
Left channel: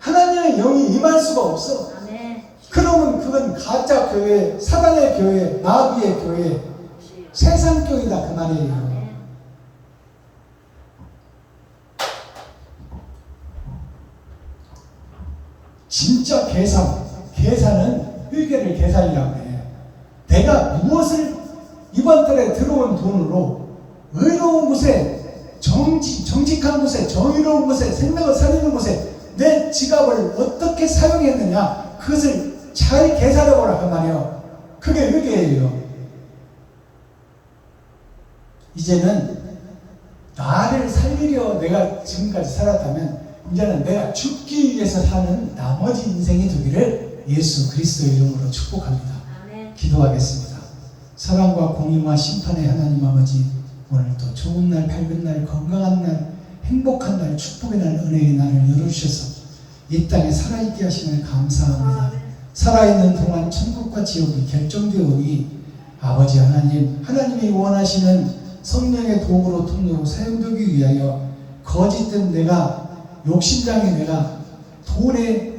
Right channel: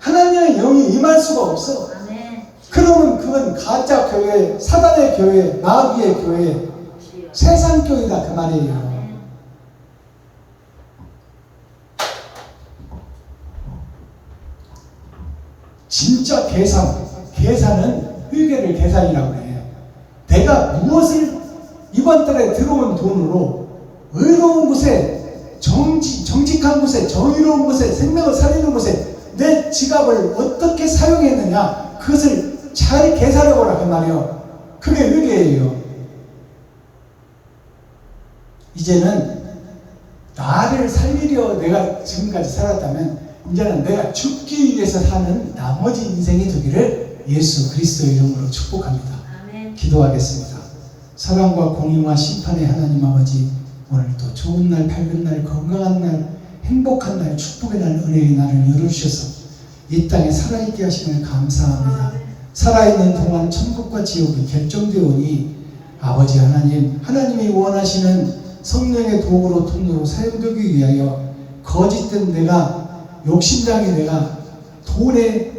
하나님의 영이 임할 수가 없어. 그러면 그건 가짜 교회, 사단의 교회, 마귀의 교회, 세상 교회다 그 말이에요. 진짜 계산은 회개를 계산이라고 해. 내가 무엇을 이번 달에 들어온 돈으로 의로운 곳에, 정직한 곳에, 정의로운 곳에, 생명을 살리는 곳에 내 지갑을 어떻게 사용했느냐, 그것을 잘 계산해보라 그 말이에요. 그게 회개예요. 이제는 나를 살리려 내가 지금까지 살았다면 이제는 내가 죽기 위해서 사는 나머지 인생이 되기를 예수 그리스도 이름으로 축복합니다. 아멘. 기도하겠습니다. 사랑과 공의와 심판의 하나님 아버지, 오늘도 좋은 날, 밝은 날, 건강한 날, 행복한 날, 축복의 날, 은혜의 날을 열어주셔서 이 땅에 살아있게 하시면 감사합니다. 살아있는 동안 천국과 지옥이 결정되오니 아버지 하나님, 하나님이 원하시는 성령의 도움으로 통로로 사용되기 위하여 거짓된 내가, 욕심장의 내가, 돈의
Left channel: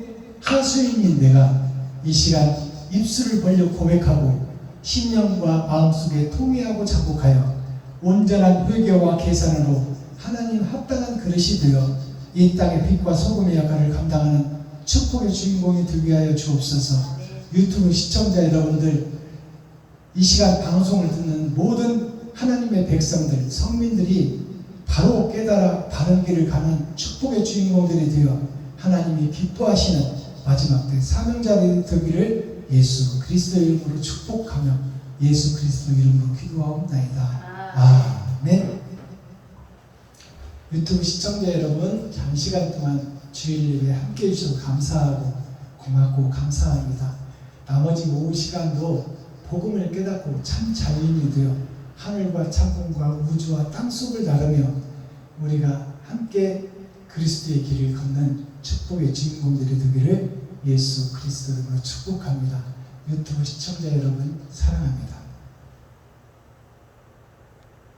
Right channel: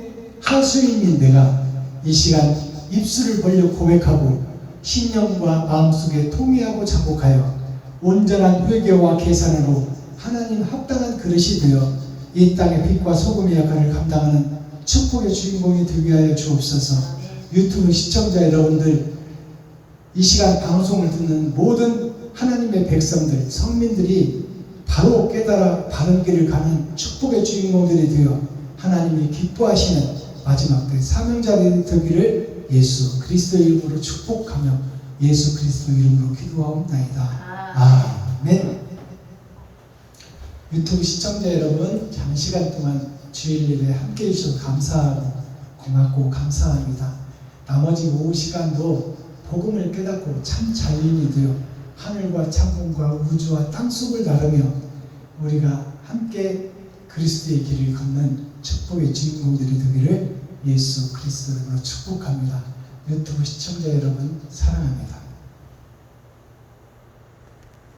하수인인 내가 이 시간 입술을 벌려 고백하고 신념과 마음속에 통회하고 자복하여 온전한 회개와 계산으로 하나님 합당한 그릇이 되어 이 땅의 빛과 소금의 역할을 감당하는 축복의 주인공이 되게 하여 주옵소서. 유튜브 시청자 여러분들, 이 시간 방송을 듣는 모든 하나님의 백성들, 성민들이 바로 깨달아 바른 길을 가는 축복의 주인공들이 되어 하나님이 기뻐하시는 마지막 때 사명자들이 되기를 예수 그리스도 이름으로 축복하며 예수 그리스도 이름으로 기도하옵나이다. 아멘. 유튜브 시청자 여러분, 장시간 동안 주일 예배 함께 해주셔서 감사하고 고맙고 감사합니다. 나머지 오후 시간도 복음을 깨닫고 참 자유인이 되어 하늘과 창문과 우주와 땅속을 나르며 우리가 함께 그리스도의 길을 걷는 축복의 주인공들이 되기를 예수 그리스도로 축복합니다. 유튜브 시청자 여러분 사랑합니다.